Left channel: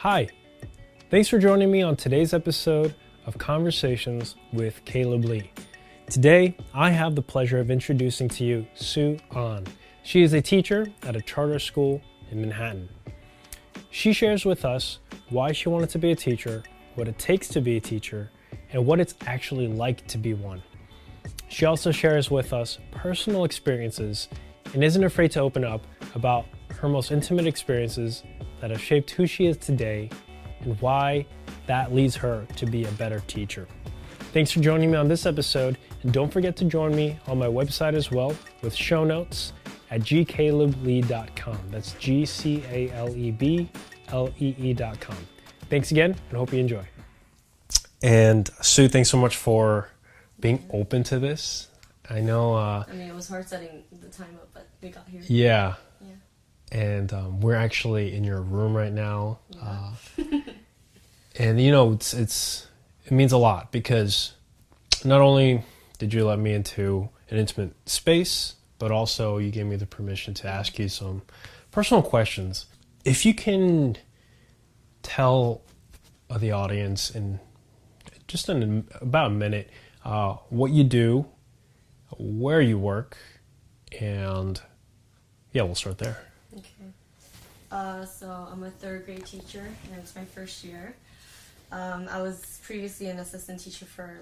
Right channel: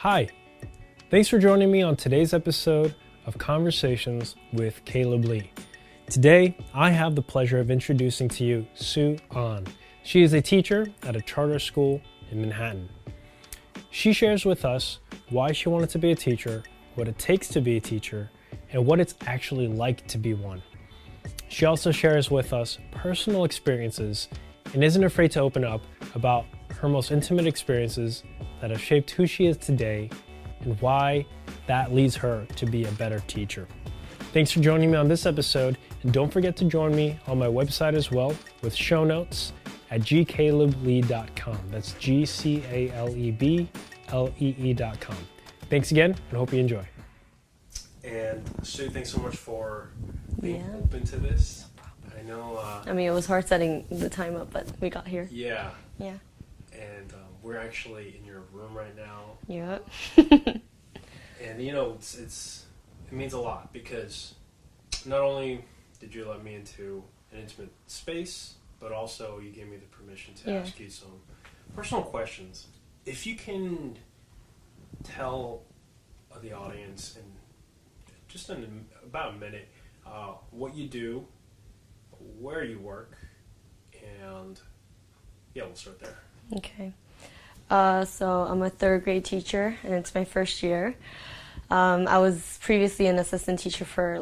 Hi, thanks for joining me on today's episode of Conversations with Caleb Lee. Today, I have the pleasure of introducing to you Soo Ahn. She is a teacher at a charter school in Manhattan. She shares with us why she wanted to be a teacher, what it takes to be a teacher, and what it's actually like to be one. She also shares with us personal experiences and isn't afraid to open up about her most intimate experiences that have shaped who she is today and why that leads her to be a better teacher. Thanks for joining me on this episode, and don't forget to join me on my website as well with show notes at gcaleblee.com. That's GCALEBLEE.com. Thanks again, and hope you enjoy. And Sue, thanks so much for being open to this. I know... it was hard setting the time up, but we got here. Yeah. Yeah. And we're actually in your room right now. Yeah. And you know, it means a lot because not only did you let me into an intimate space, but also you gave me the permission to ask you some personal questions. If you can tell the audience in just about a minute what you do, where you work, and we'll start there. Okay. So I'm a third grade teacher, and it's my first year. I was previously an assistant teacher for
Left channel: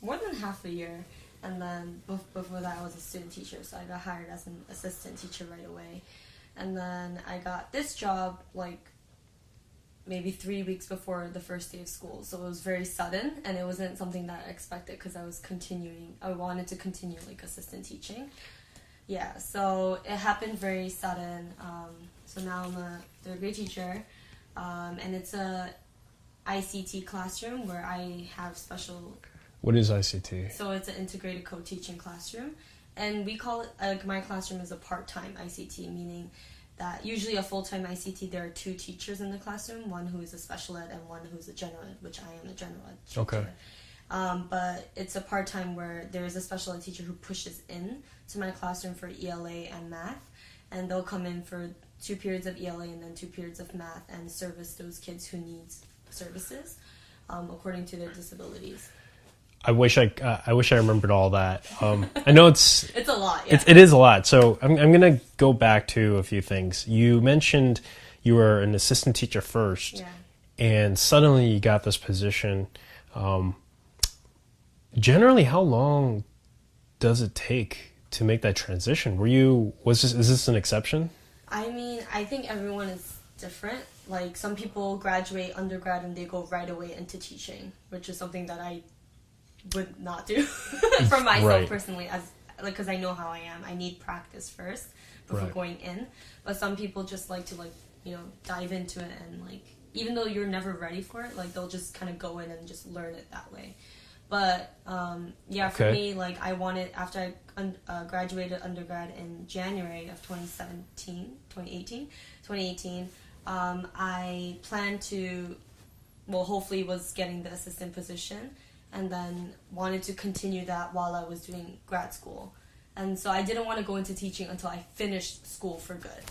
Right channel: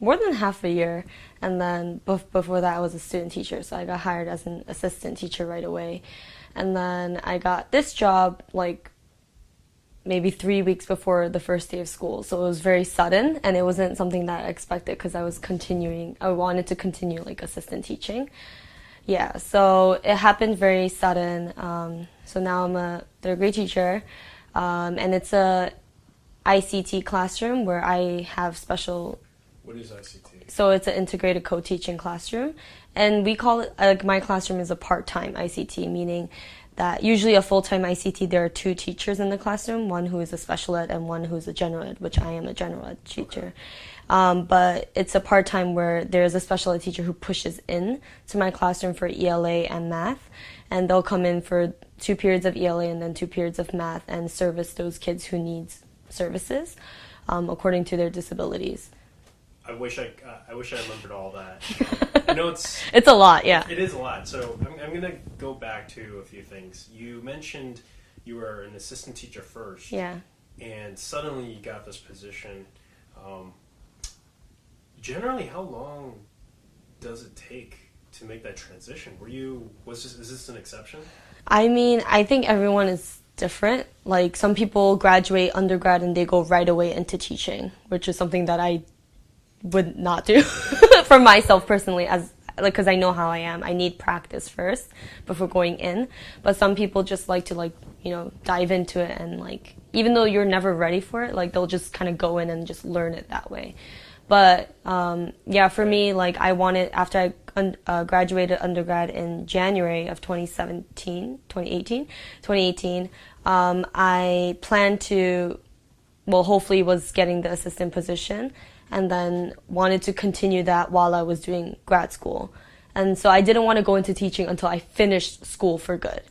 more than half a year, and then before that I was a student teacher, so I got hired as an assistant teacher right away. And then I got this job maybe 3 weeks before the first day of school, so it was very sudden, and it wasn't something that I expected because I wanted to continue assistant teaching. Yeah, so it happened very sudden. So now I'm a third grade teacher, and it's a ICT classroom where I have special... What is ICT? So it's an integrated co-teaching classroom, and we call it, my classroom is a part-time ICT, meaning that usually a full-time ICT, there are two teachers in the classroom, one who is a special ed and one who is a general ed, which I am a general ed teacher. Okay. But it's a part-time where there's a special ed teacher who pushes in to my classroom for ELA and math, and they'll come in for 2 periods of ELA and then 2 periods of math and service those kids who need services according to their disabilities. I wish I remembered all that. I know it's a lot, yeah. It is a lot. So I'm gonna go back to a few things. You mentioned you were an assistant teacher first, yeah, and suddenly you got this position. Generally, how long does it take to make that transition? Is this an exception? I think everyone is different. Some people graduate undergrad and they go right away into teaching, which is something that I would not do for myself personally, because I know how I am. I need practice first before going in. But some people just like to dive into it, and even though you're never ready for it, they'll just kind of go in and just learn it that way. But for me, I wanted, after I graduated undergrad in January of 2018, I planned to, hopefully was getting the assistant position, and then wanted to continue that while I was doing grad school. And so I didn't want to go into teaching until I finished school for good.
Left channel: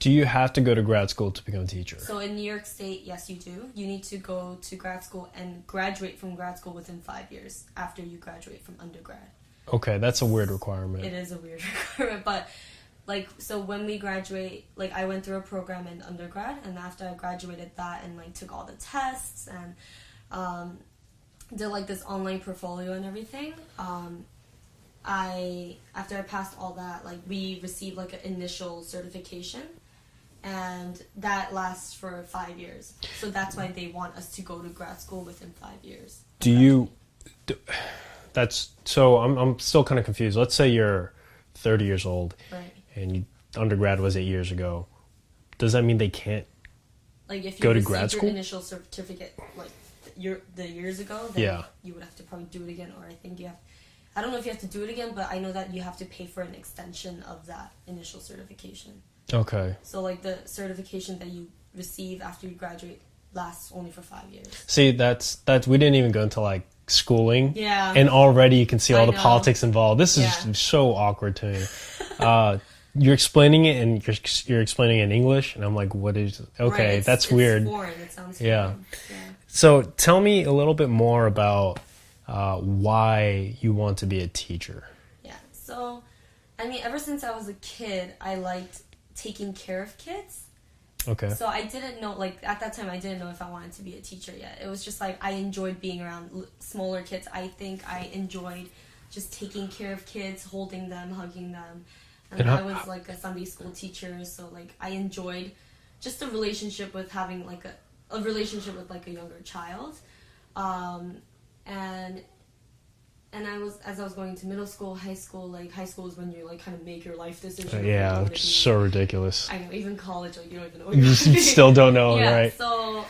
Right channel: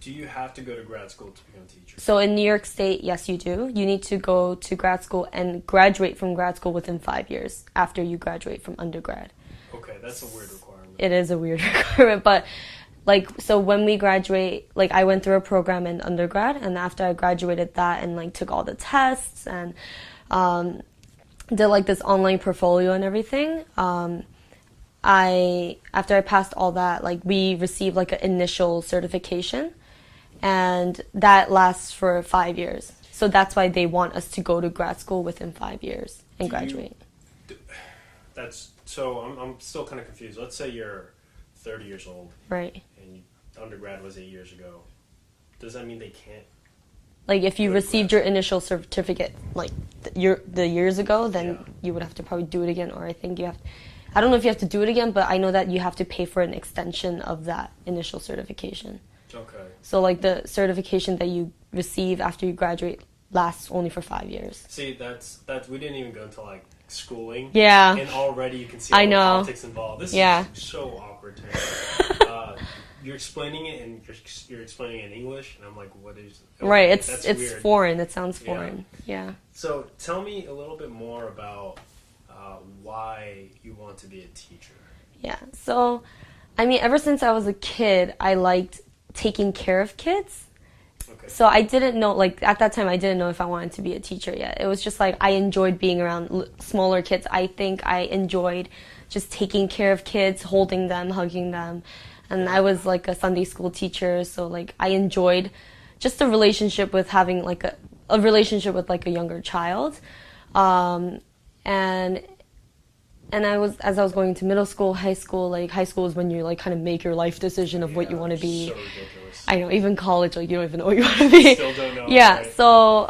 Do you have to go to grad school to become a teacher? So in New York State, yes, you do. You need to go to grad school and graduate from grad school within 5 years after you graduate from undergrad. Okay, that's a weird requirement. It is a weird requirement, but so when we graduate, I went through a program in undergrad, and after I graduated that and took all the tests and did this online portfolio and everything, after I passed all that, we received an initial certification, and that lasts for 5 years. So that's why they want us to go to grad school within 5 years and graduate. I'm still kind of confused. Let's say you're 30 years old, right? And undergrad was 8 years ago. Does that mean they can't? If you received your initial certificate the years ago, then you would have to probably do it again, or I think you have. I don't know if you have to do it again, but I know that you have to pay for an extension of that initial certification. Okay. So the certification that you receive after you graduate lasts only for 5 years. See, that's we didn't even go into schooling. Yeah. And already you can see all the politics involved. This is so awkward to me. you're explaining it and you're explaining it in English, and I'm like, what is? Okay, right, that's it's weird. Foreign. It sounds foreign. Yeah. So tell me a little bit more about why you want to be a teacher. Yeah. So, I mean, ever since I was a kid, I liked taking care of kids. Okay. So I didn't know, like, at that time, I didn't know if I wanted to be a teacher yet. It was just like I enjoyed being around smaller kids. I think I enjoyed just taking care of kids, holding them, hugging them. And I was like a Sunday school teacher, so like I enjoyed just a relationship with having like a relationship with like a younger child. And as I was going to middle school, high school, like high school is when you like kind of make your life decision of what you want to be. So ridiculous. I know, even college, like you don't even know what you want to be. Still don't know, yeah, right? So,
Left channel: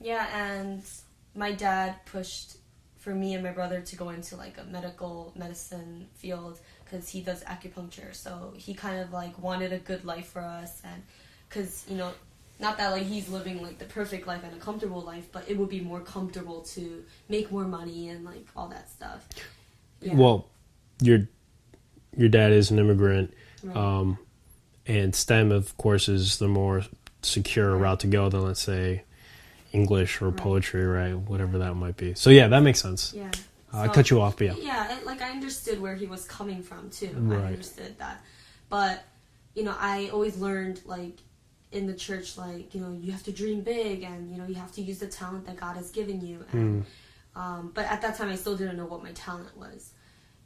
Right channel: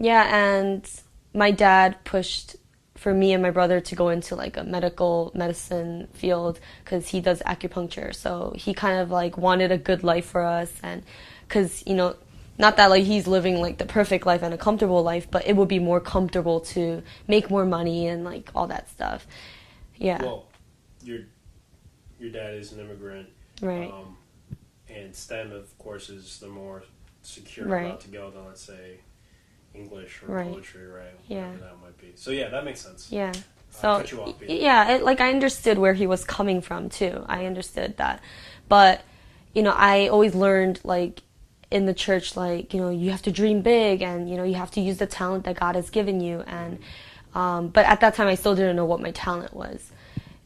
and my dad pushed for me and my brother to go into like a medicine field because he does acupuncture. So he kind of like wanted a good life for us, and because, you know, not that like he's living like the perfect life and a comfortable life, but it would be more comfortable to make more money and like all that stuff. Yeah. Well, your dad is an immigrant, Right. And STEM, of course, is the more secure Right. route to go than, let's say, English or Right. poetry, right? Whatever Yeah. that might be. So yeah, that makes sense. Yeah. I cut you off, but yeah. Like I understood where he was coming from too. Right. I understood that, but you know, I always learned like in the church, like, you know, you have to dream big, and you know, you have to use the talent that God has given you. And but at that time, I still didn't know what my talent was.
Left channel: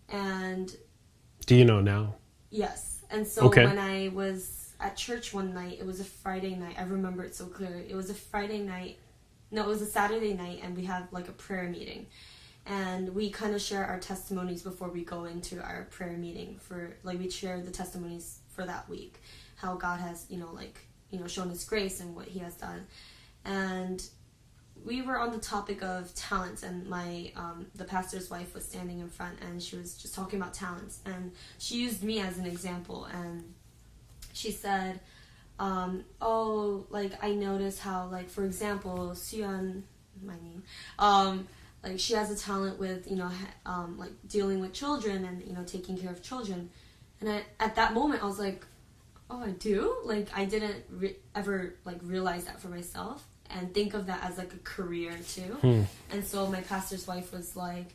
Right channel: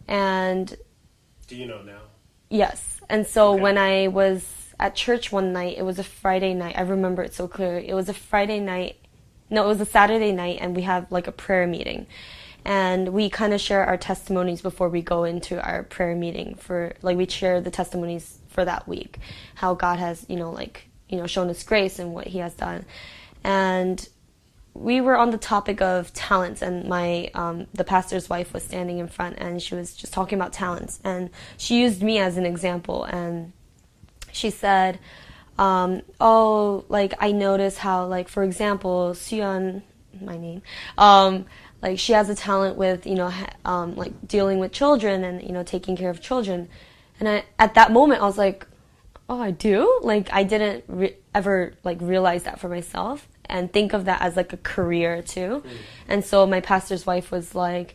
And do you know now? yes, and so Okay. when I was at church one night, it was a Friday night. I remember it so clearly. It was a Friday night. No, it was a Saturday night, and we have like a prayer meeting. And we kind of share our testimonies before we go into our prayer meeting for, like, we share the testimonies for that week, how God has, shown us grace and what he has done. And we were on the topic of talents, and the pastor's wife was standing in front, and she was just talking about talents, and she used me as an example, and she said, I notice how, like, for example, Soo Ahn, my name, like, she has a talent with, like, dealing with children and, taking care of children. And at that moment, I was like, oh, I do? Like, I didn't ever, like, realize that for myself and think of that as, like, a career, too. And so my pastor's wife was like,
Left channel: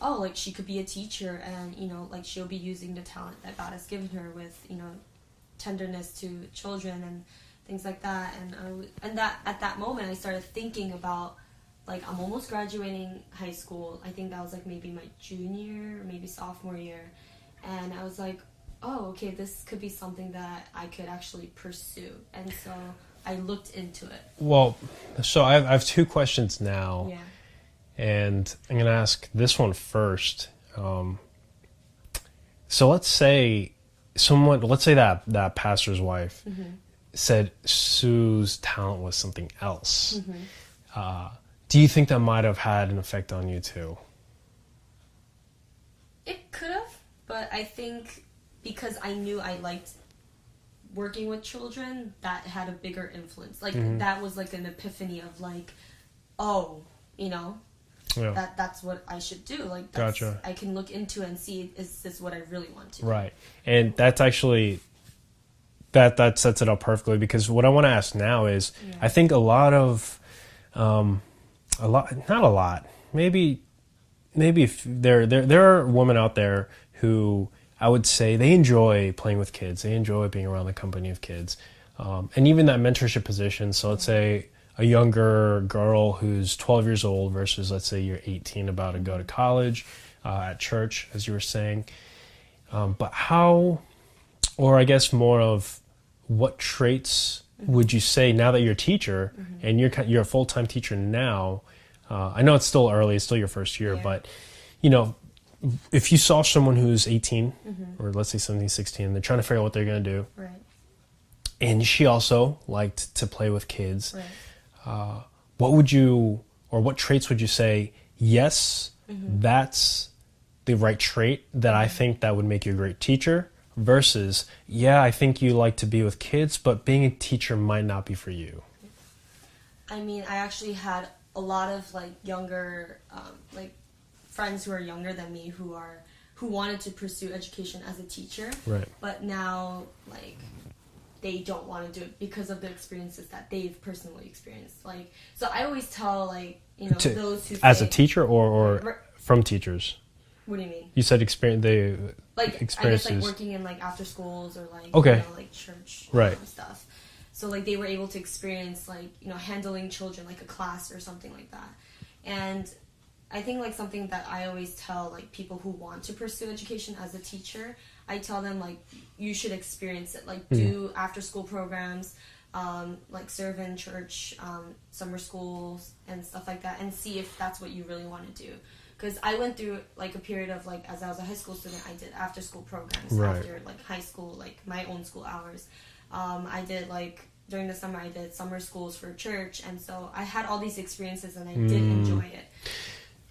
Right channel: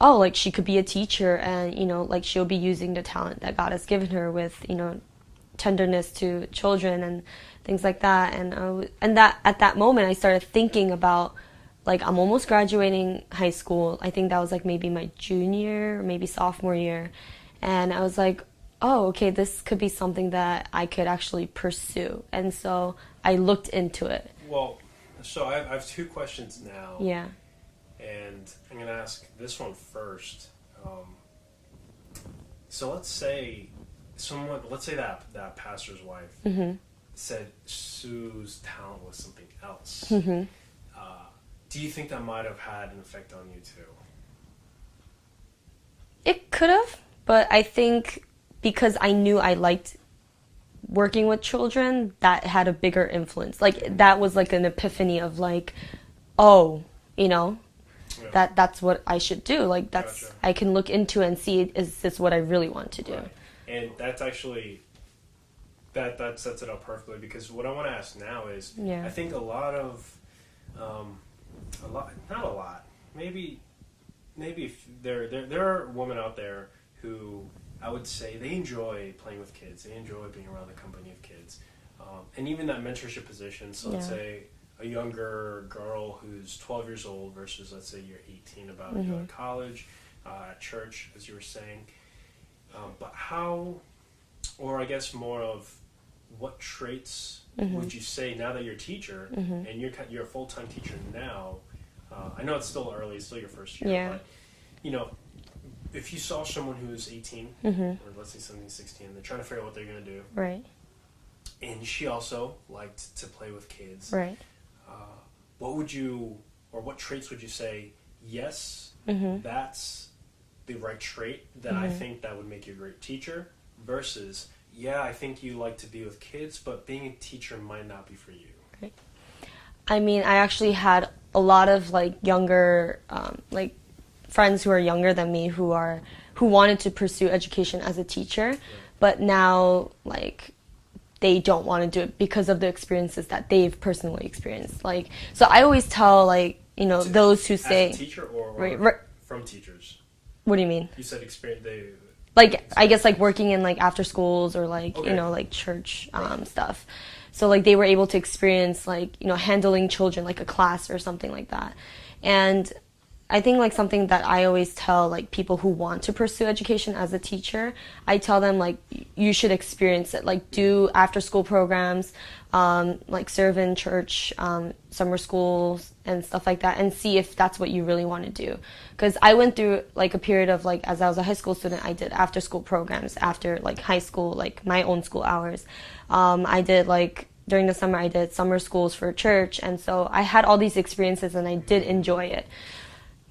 oh, like, she could be a teacher and, like, she'll be using the talent that God has given her with, tenderness to children and things like that. And that at that moment, I started thinking about, like, I'm almost graduating high school. I think that was, like, maybe my junior or maybe sophomore year. And I was like, oh, okay, this could be something that I could actually pursue. And so I looked into it. Well, so I have two questions now. Yeah. And I'm going to ask this one first. So let's say that pastor's wife said Sue's talent was something else. Do you think that might have had an effect on you too? It could have, but I think because I knew I liked working with children, that had a bigger influence. Like, that was like an epiphany of, like, oh, that's what I should do. Like, that's, Gotcha. I can look into it and see, is this what I really want to do? Right. And that's actually, that sets it up perfectly, because what I want to ask now is, I think maybe there are women out there who, I would say, they enjoy playing with kids. They enjoy being around the company of kids. And even that mentorship position. So let's say a younger girl who's 12 years old versus, let's say, you're 18 about to go to college, at church, as you were saying. But how, or I guess more of what traits would you say, now that you're a teacher and you're a full-time teacher now, I know it's still early, it's still your first year, but, if you saw someone who's 18 or let's say 17, 16, and they're trying to figure out what they're going to do. Right. And she also liked to play with kids. Right. What traits would you say, yes, that's the right trait that I think that would make you a great teacher, versus, yeah, I think you like to be with kids, but being a teacher might not be for you? Okay. I mean, I actually had a lot of, like, younger, like, friends who are younger than me who who wanted to pursue education as a teacher, Right. but now like they don't want to do it because of the experiences that they've personally experienced. Like, so I always tell like, you know, those who say as a teacher or right. from teachers. What do you mean? You said experience. Like, I guess like working in like after schools or like, okay. you know, like church Right. stuff. So like they were able to experience like, you know, handling children, like a class or something like that. And I think like something that I always tell like people who want to pursue education as a teacher, I tell them like you should experience it. Like do after school programs, like serve in church, summer schools and stuff like that, and see if that's what you really want to do. Because I went through like a period of like, as I was a high school student, I did after school programs right. after like high school, like my own school hours. I did like during the summer I did summer schools for church, and so I had all these experiences and I did enjoy it.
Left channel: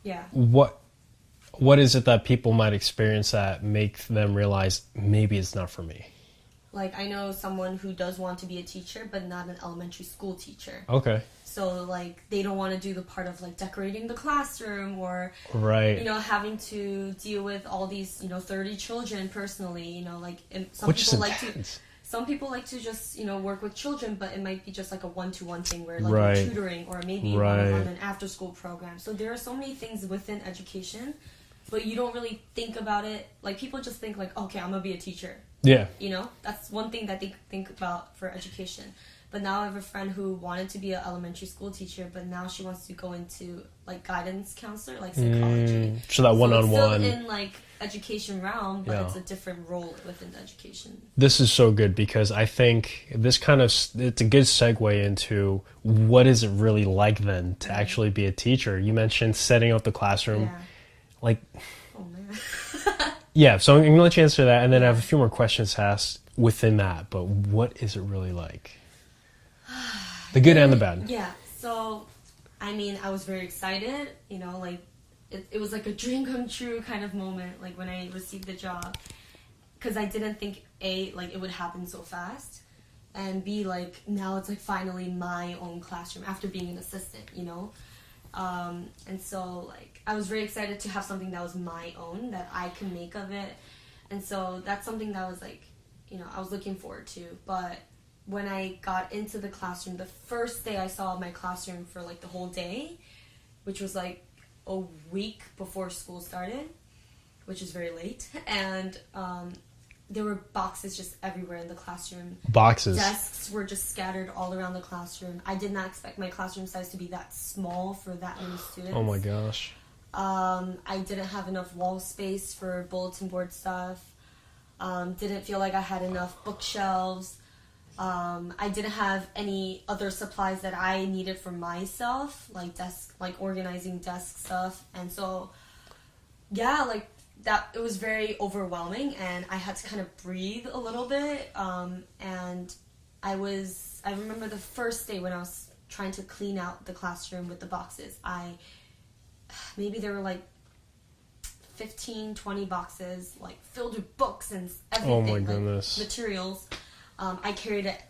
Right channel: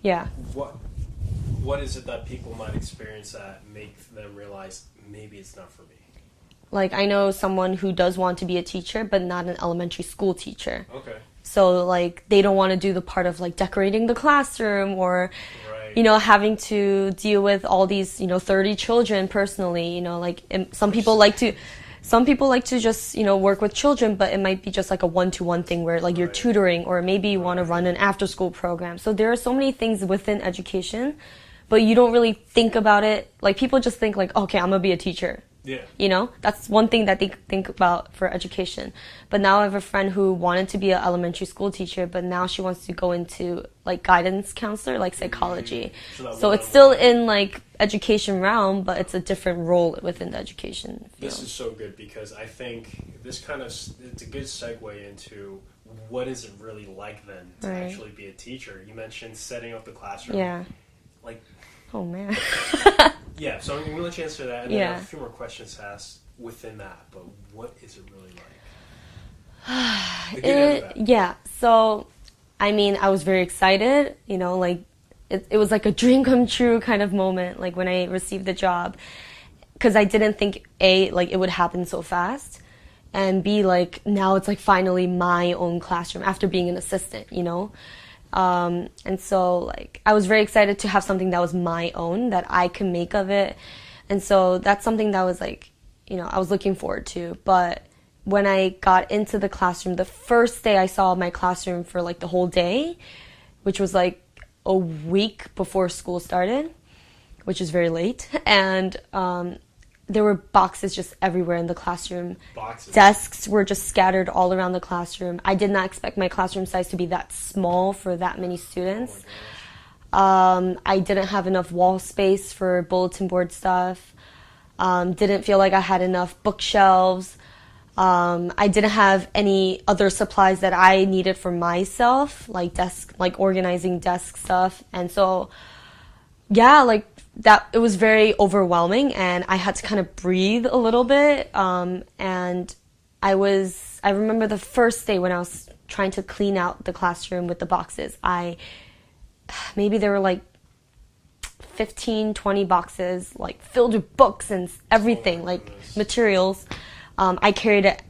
Yeah. What is it that people might experience that make them realize maybe it's not for me? Like I know someone who does want to be a teacher but not an elementary school teacher. Okay. So like they don't want to do the part of like decorating the classroom or right. you know, having to deal with all these, you know, 30 children personally, you know, like some people like to just, you know, work with children, but it might be just like a one-to-one thing where like right. you're tutoring, or maybe you want to right. run an after-school program. So there are so many things within education, but you don't really think about it. Like people just think like, okay, I'm gonna be a teacher. Yeah. You know, that's one thing that they think about for education. But now I have a friend who wanted to be an elementary school teacher, but now she wants to go into like guidance counselor, like psychology. So that one-on-one. So it's still in like education realm, but Yeah. it's a different role within the education. This is so good because I think this kind of, it's a good segue into what is it really like then to right. actually be a teacher. You mentioned setting up the classroom. Yeah. Like, oh man. yeah, so I'm going to let you answer that, and then I Yeah. have a few more questions to ask within that. But what is it really like? The good and the bad. Yeah. So, I mean, I was very excited, you know, like it was like a dream come true kind of moment, like when I received the job, because I didn't think like it would happen so fast, and B, like now it's like finally my own classroom after being an assistant, you know. And so like I was very excited to have something that was my own, that I can make of it. And so that's something that was like, you know, I was looking forward to. But when I got into the classroom, the first day I saw my classroom for like the whole day, which was like a week before school started, which is very late. And there were boxes just everywhere in the classroom. Boxes. Desks were just scattered all around the classroom. I did not expect my classroom size to be that small for that many students. Oh my gosh. I didn't have enough wall space for bulletin board stuff. Didn't feel like I had enough bookshelves. I didn't have any other supplies that I needed for myself, like organizing desk stuff. And so, yeah, like that, it was very overwhelming, and I had to kind of breathe a little bit. And I remember the first day when I was trying to clean out the classroom with the boxes, maybe there were like 15, 20 boxes, like filled with books and everything, like materials. I carried it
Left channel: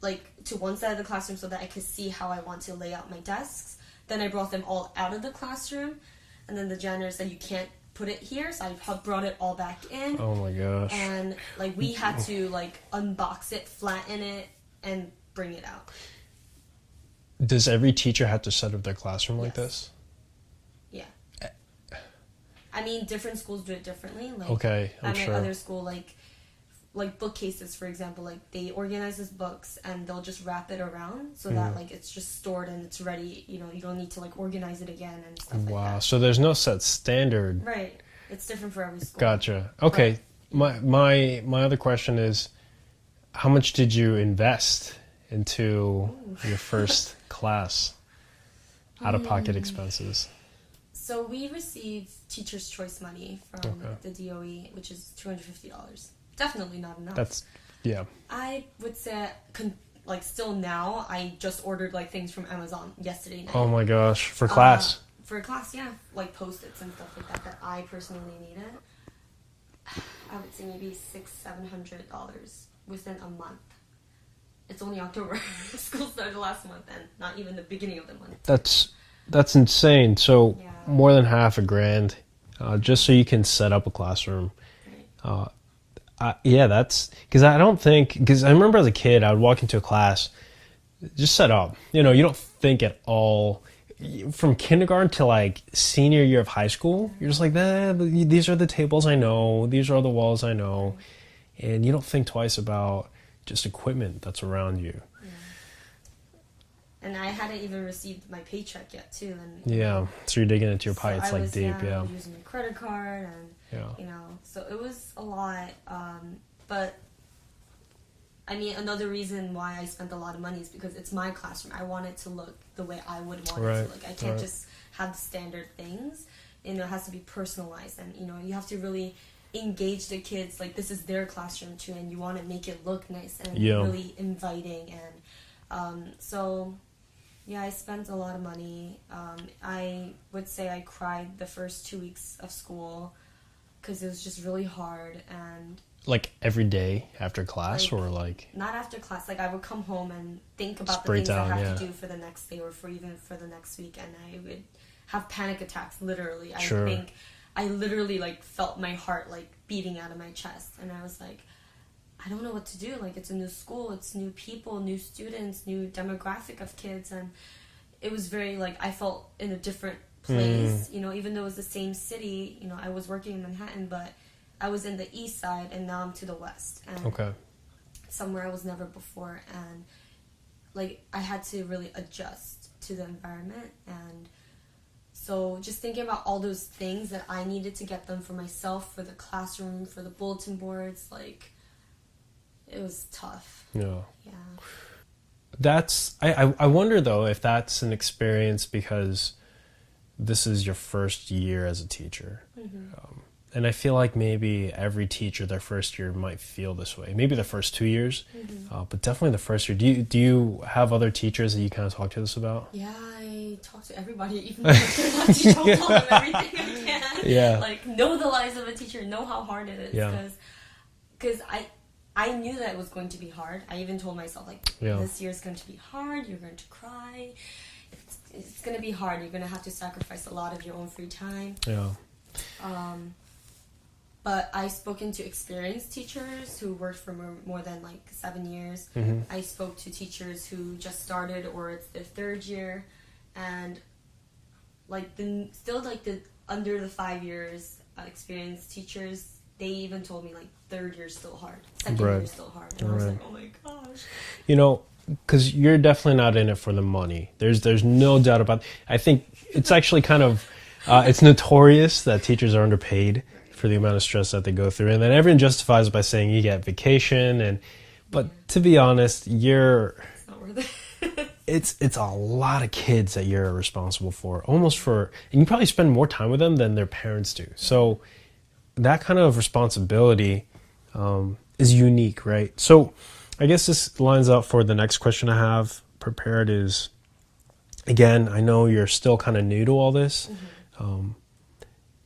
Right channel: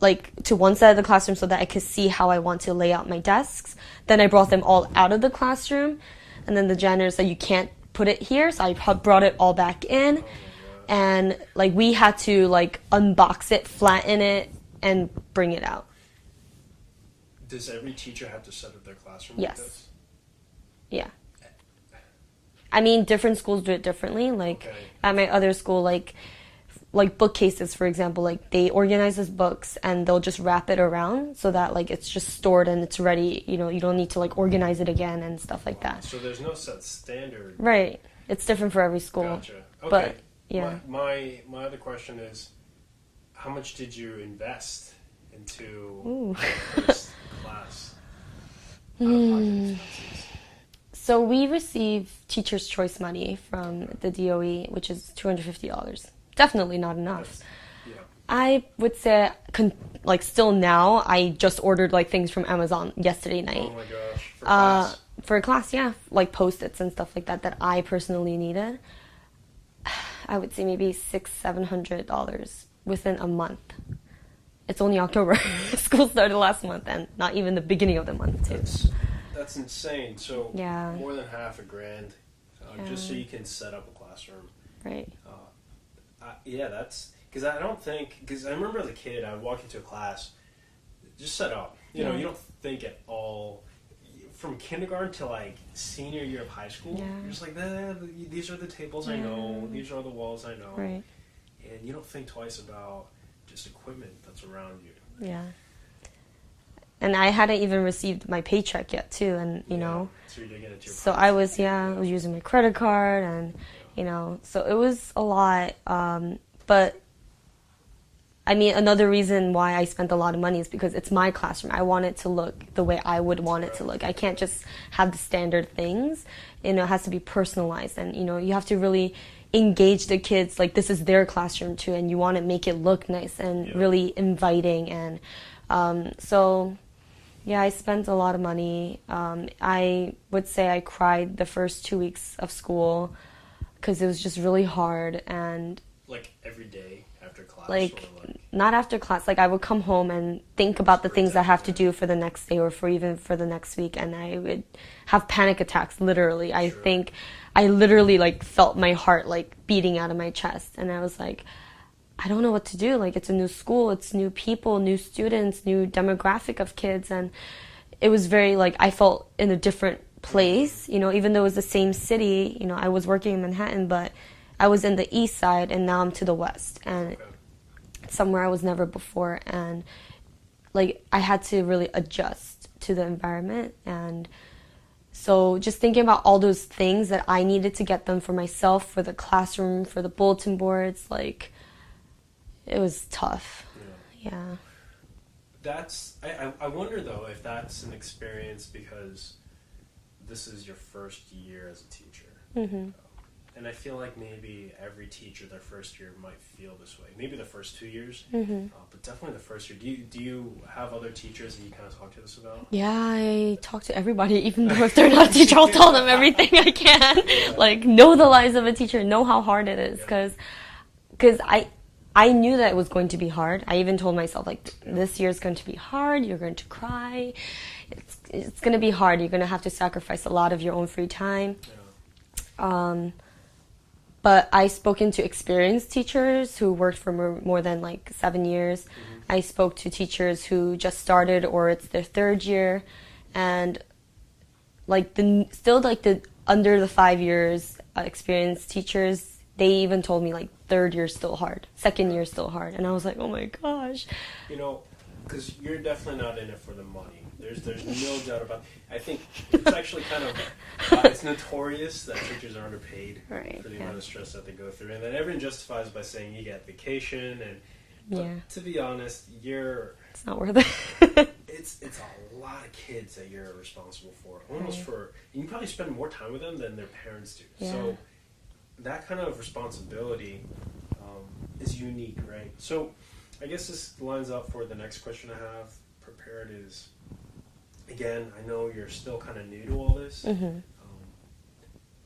like to one side of the classroom so that I could see how I want to lay out my desks. Then I brought them all out of the classroom, and then the janitor said, you can't put it here, so I brought it all back in. Oh my gosh. And like we had to like unbox it, flatten it, and bring it out. Does every teacher have to set up their classroom Yes. like this? Yeah. I mean, different schools do it differently. Like Okay, at my other school, like bookcases, for example, like they organize as books and they'll just wrap it around so that like it's just stored and it's ready. You know, you don't need to like organize it again and stuff like that. So there's no set standard. Right. It's different for every school. Gotcha. Okay. But, yeah. My other question is, how much did you invest into your first class? Out of pocket expenses. So we receive Teacher's Choice money from the DOE, which is $250. Definitely not enough. Yeah. I would say, like still now, I just ordered like things from Amazon yesterday night. Oh my gosh, for class? For a class, yeah. Like Post-its and stuff like that I personally needed. I would say maybe $600-$700 within a month. It's only October. School started last month and not even the beginning of the month. That's insane. So Yeah. more than half a grand just so you can set up a classroom. Right. Yeah, that's because I remember as a kid, I would walk into a class, just set up. You know, you don't think at all. From kindergarten to like senior year of high school, you're just like, these are the tables I know, these are the walls I know, and you don't think twice about just equipment that's around you. Yeah. And I hadn't even received my paycheck yet too, and you know, so you're digging into your pockets. So I was I was using my credit card, and you know, so it was a lot. But I mean, another reason why I spent a lot of money is because it's my classroom. I want it to look the way I would want it to look. I can't just have the standard things. You know, it has to be personalized, and you know, you have to really engage the kids. Like, this is their classroom too, and you want to make it look nice and really inviting. And so, yeah, I spent a lot of money. I would say I cried the first 2 weeks of school because it was just really hard. And like every day after class, or like not after class. Like, I would come home and think about the things I have to do for the next day or for even for the next week, and I would have panic attacks. Literally, I think I literally like felt my heart like beating out of my chest, and I was like, I don't know what to do. Like, it's a new school, it's new people, new students, new demographic of kids, and it was very like I felt in a different place. You know, even though it was the same city. You know, I was working in Manhattan, but I was in the east side, and now I'm to the west, and somewhere I was never before, and like I had to really adjust to the environment. And so just thinking about all those things that I needed to get them for myself, for the classroom, for the bulletin boards, like it was tough. Yeah. That's I wonder though if that's an experience because this is your first year as a teacher. And I feel like maybe every teacher their first year might feel this way. Maybe the first 2 years, but definitely the first year. Do you have other teachers that you kind of talk to this about? Yeah, I talk to everybody, even though if they're not a teacher, I'll tell them everything I can. Like, know the lives of a teacher, know how hard it is, because I knew that it was going to be hard. I even told myself, like, this year is going to be hard. You're going to cry. It's going to be hard. You're going to have to sacrifice a lot of your own free time. But I spoken to experienced teachers who worked for more than like 7 years. I spoke to teachers who just started or it's their third year, and like the under the 5 years experienced teachers, they even told me like third year is still hard, second year is still hard, and I was like, oh my gosh. You know, because you're definitely not in it for the money. There's no doubt about it. I think it's actually kind of. It's notorious that teachers are underpaid for the amount of stress that they go through, and then everyone justifies by saying you get vacation, but to be honest, it's not worth it. it's a lot of kids that you're responsible for, and you probably spend more time with them than their parents do. So that kind of responsibility is unique, right? So I guess this lines up for the next question I have prepared is, again, I know you're still kind of new to all this,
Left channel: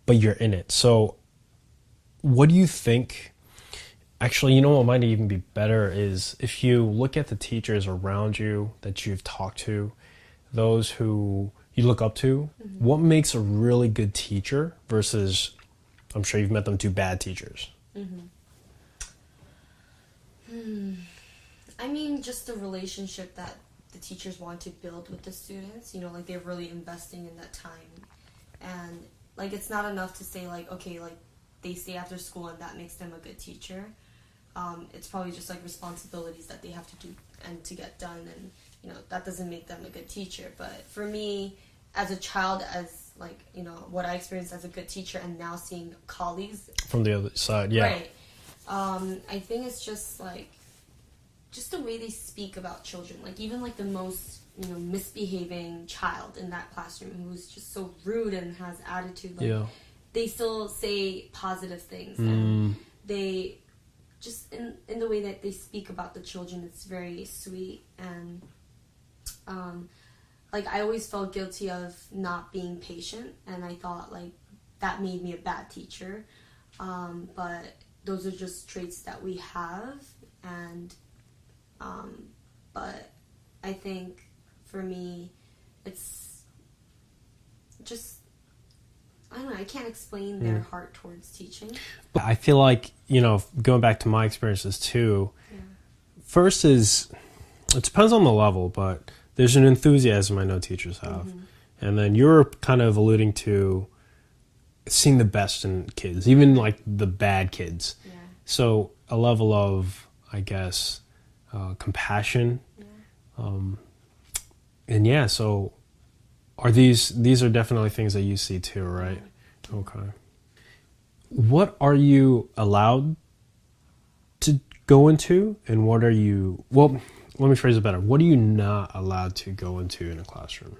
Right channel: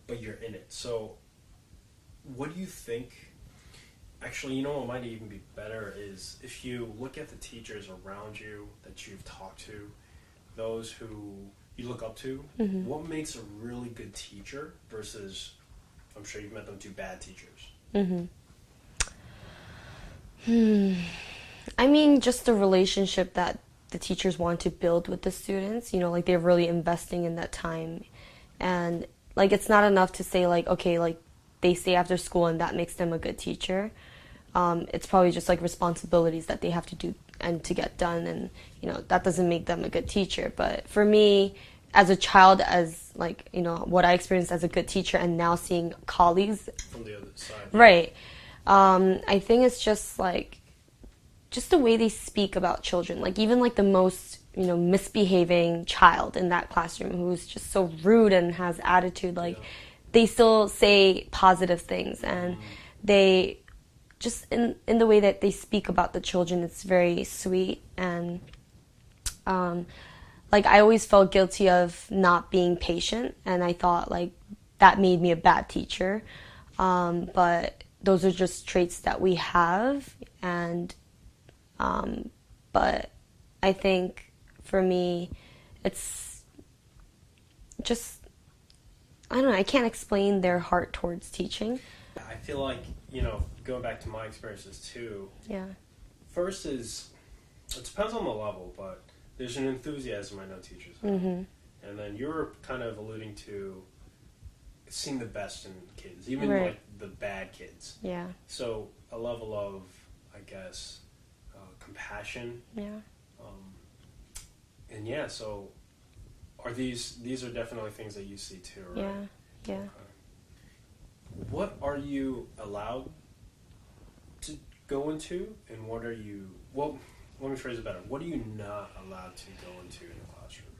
but you're in it. So what do you think? Actually, you know what might even be better is if you look at the teachers around you that you've talked to, those who you look up to, what makes a really good teacher versus, I'm sure you've met them, two bad teachers? I mean, just the relationship that the teachers want to build with the students, you know, like they're really investing in that time. And like, it's not enough to say like, okay, like they stay after school and that makes them a good teacher. It's probably just like responsibilities that they have to do and to get done. And, you know, that doesn't make them a good teacher. But for me, as a child, as like, you know, what I experienced as a good teacher and now seeing colleagues from the other side. Right. I think it's just like, just the way they speak about children, like even like the most, you know, misbehaving child in that classroom who's just so rude and has attitude, like they still say positive things, and they just in the way that they speak about the children, it's very sweet. And like I always felt guilty of not being patient, and I thought like that made me a bad teacher, but those are just traits that we have. And but I think for me, it's just, I don't know, I can't explain their heart towards teaching. I feel like, going back to my experiences too, Yeah. first is, it depends on the level, but there's an enthusiasm I know teachers have. And then you're kind of alluding to seeing the best in kids, even Right. like the bad kids. Yeah. So a level of, I guess, compassion. Yeah. And yeah, so are these are definitely things that you see too, right? Yeah. Okay. What are you allowed to go into, and what are you, well, let me phrase it better. What are you not allowed to go into in a classroom?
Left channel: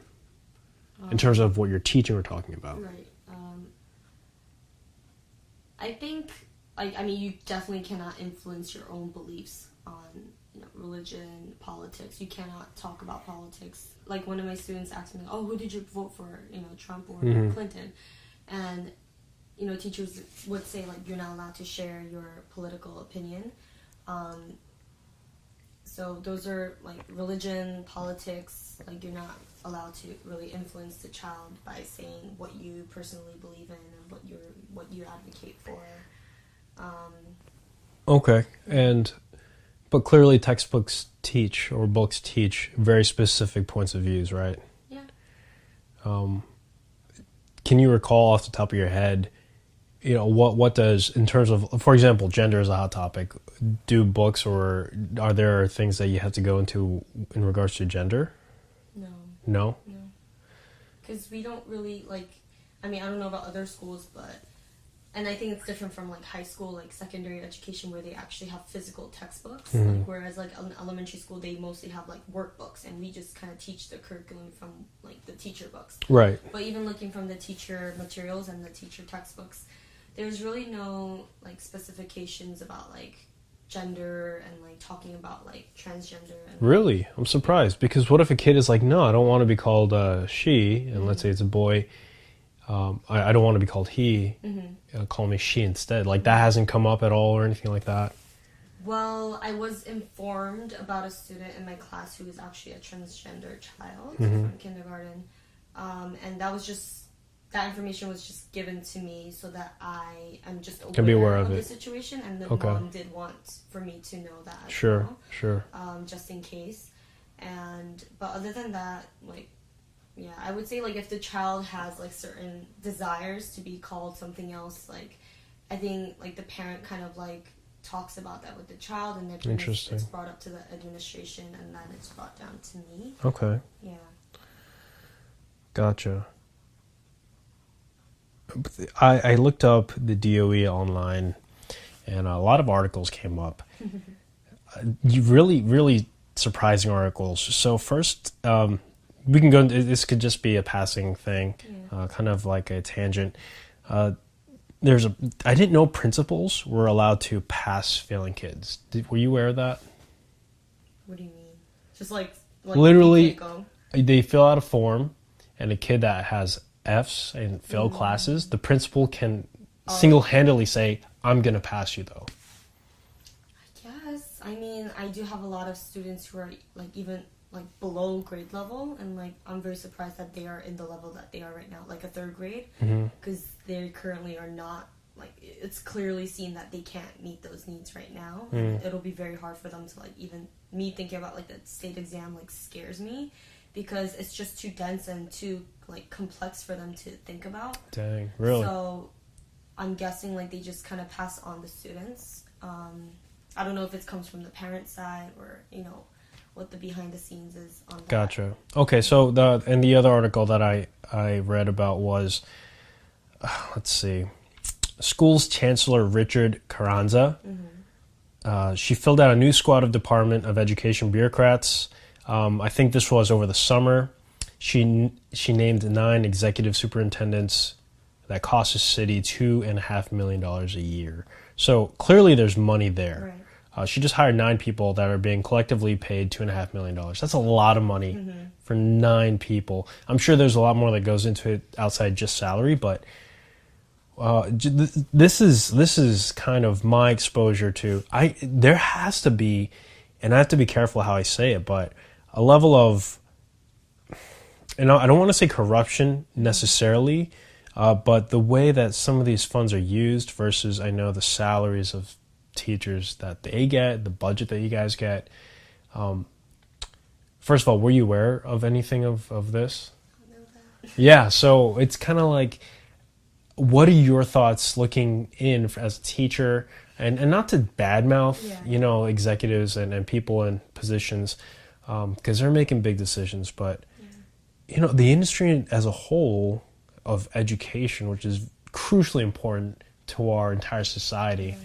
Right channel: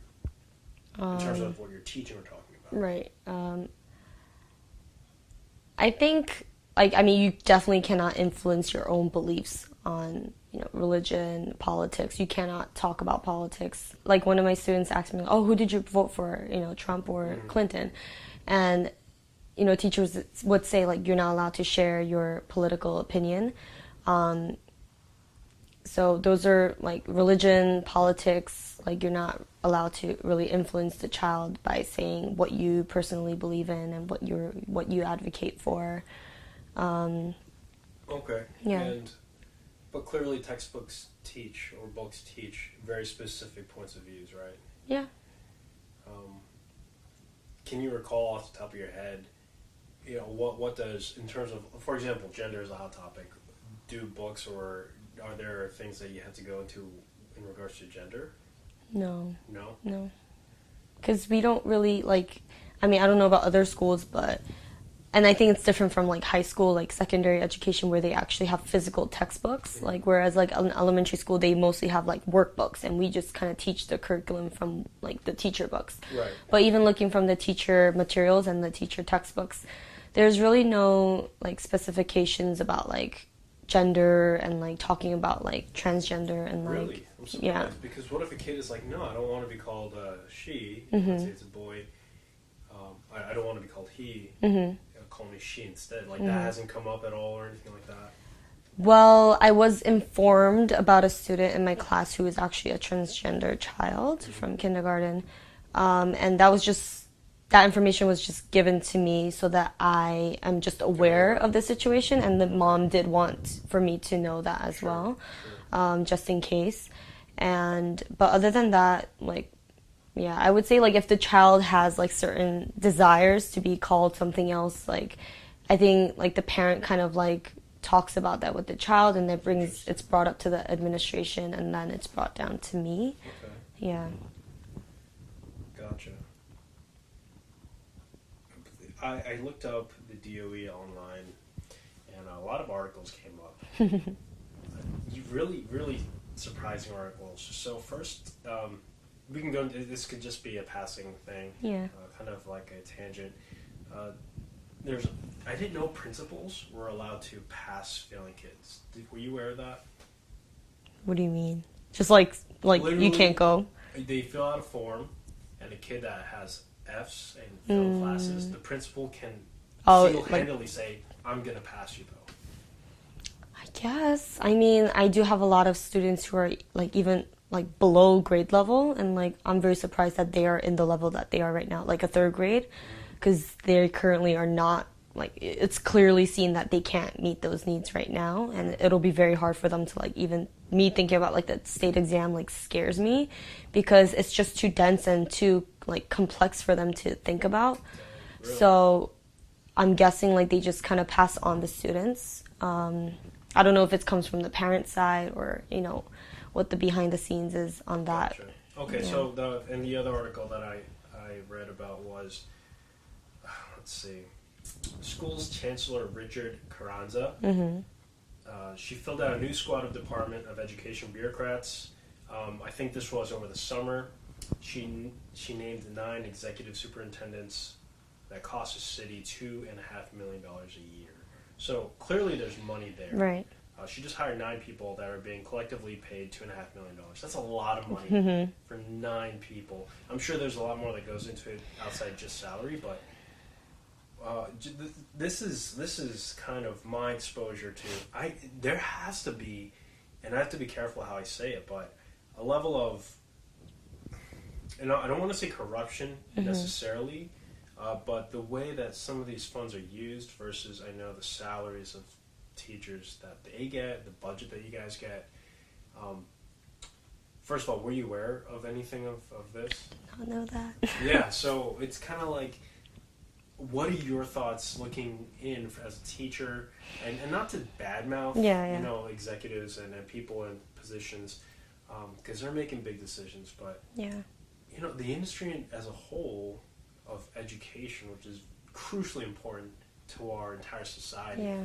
In terms of what you're teaching or talking about. Right. I think, you definitely cannot influence your own beliefs on, religion, politics. You cannot talk about politics. Like, one of my students asked me, oh, who did you vote for, Trump or Clinton? And, teachers would say, like, you're not allowed to share your political opinion. So those are, like, religion, politics, like, you're not allowed to really influence the child by saying what you personally believe in and what you advocate for. Okay. Yeah. But clearly textbooks teach, or books teach, very specific points of views, right? Yeah. Can you recall off the top of your head, what does, in terms of, for example, gender is a hot topic, do books, or are there things that you have to go into in regards to gender? No. No? No. Because we don't really, I don't know about other schools, and I think it's different from, like, high school, like, secondary education, where they actually have physical textbooks. Like, whereas, like, in elementary school, they mostly have, like, workbooks, and we just kind of teach the curriculum from, like, the teacher books. Right. But even looking from the teacher materials and the teacher textbooks, there's really no, like, specifications about, like, gender and, like, talking about, like, transgender. And Really? I'm surprised, because what if a kid is like, no, I don't want to be called she, and let's say it's a boy, I don't want to be called he, call me she instead. Like, that hasn't come up at all or anything like that? Well, I was informed about a student in my class who was actually a transgender child from kindergarten. And that information was just given to me so that I am just aware of the situation. And the mom did want for me to know that as well. Sure. Just in case. But other than that, like, yeah, I would say, like, if the child has, like, certain desires to be called something else, like, I think, like, the parent kind of, like, talks about that with the child, and it's brought up to the administration, and then it's brought down to me. Okay. Yeah. Gotcha. I looked up the DOE online, and a lot of articles came up. Really, really surprising articles. So first, we can go. This could just be a passing thing, kind of like a tangent. I didn't know principals were allowed to pass failing kids. Were you aware of that? What do you mean? Just like literally, you can't go? They fill out a form, and a kid that has F's and failed classes, the principal can single-handedly say, I'm going to pass you, though. I guess. I mean, I do have a lot of students who are, like, even, like, below grade level, and, like, I'm very surprised that they are in the level that they are right now, like a third grade, because they currently are not, like, it's clearly seen that they can't meet those needs right now, and it'll be very hard for them to, like, even me thinking about, like, the state exam, like, scares me, because it's just too dense and too, like, complex for them to think about. Dang, really? So I'm guessing, like, they just kind of pass on the students. I don't know if it comes from the parent side or, what the behind the scenes is on that. Gotcha. Okay, so the other article that I read about was, let's see, school's Chancellor Richard Carranza. She filled out a new squad of Department of Education bureaucrats. I think this was over the summer. She named 9 executive superintendents that cost the city $2.5 million a year. So clearly there's money there. Right. She just hired 9 people that are being collectively paid $2.5 million. That's a lot of money for 9 people. I'm sure there's a lot more that goes into it outside just salary, but this is kind of my exposure to. There has to be, and I have to be careful how I say it, but a level of, and I don't want to say corruption necessarily, but the way that some of these funds are used versus, I know, the salaries of teachers that they get, the budget that you guys get. First of all, were you aware of anything of this? I don't know that. Yeah, so it's kind of like, what are your thoughts looking in as a teacher, and not to badmouth, you know, executives and people in positions, because they're making big decisions, but you know, the industry as a whole of education, which is crucially important to our entire society,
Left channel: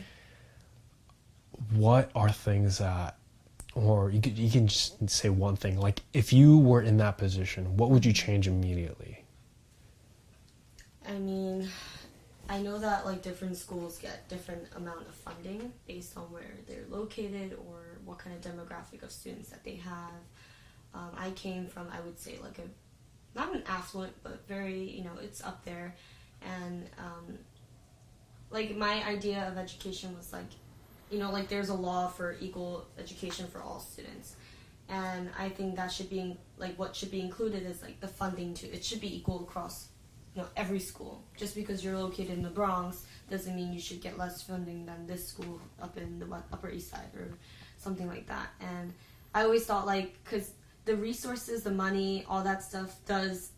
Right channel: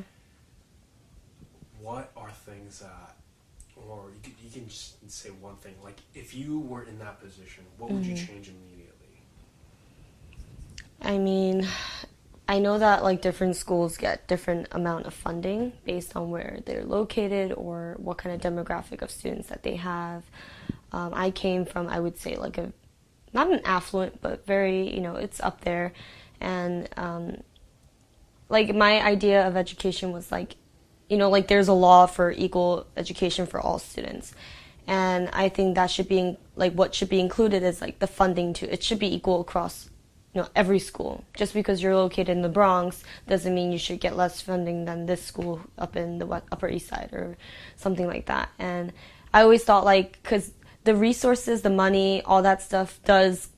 what are things that, or you can just say one thing, like if you were in that position, what would you change immediately? I mean, I know that like different schools get different amount of funding based on where they're located or what kind of demographic of students that they have. I came from, I would say, like not an affluent, but very, you know, it's up there. And like my idea of education was like, you know, like there's a law for equal education for all students. And I think that should be, like what should be included is like the funding too. It should be equal across, you know, every school. Just because you're located in the Bronx doesn't mean you should get less funding than this school up in the Upper East Side or something like that. And I always thought like, because the resources, the money, all that stuff does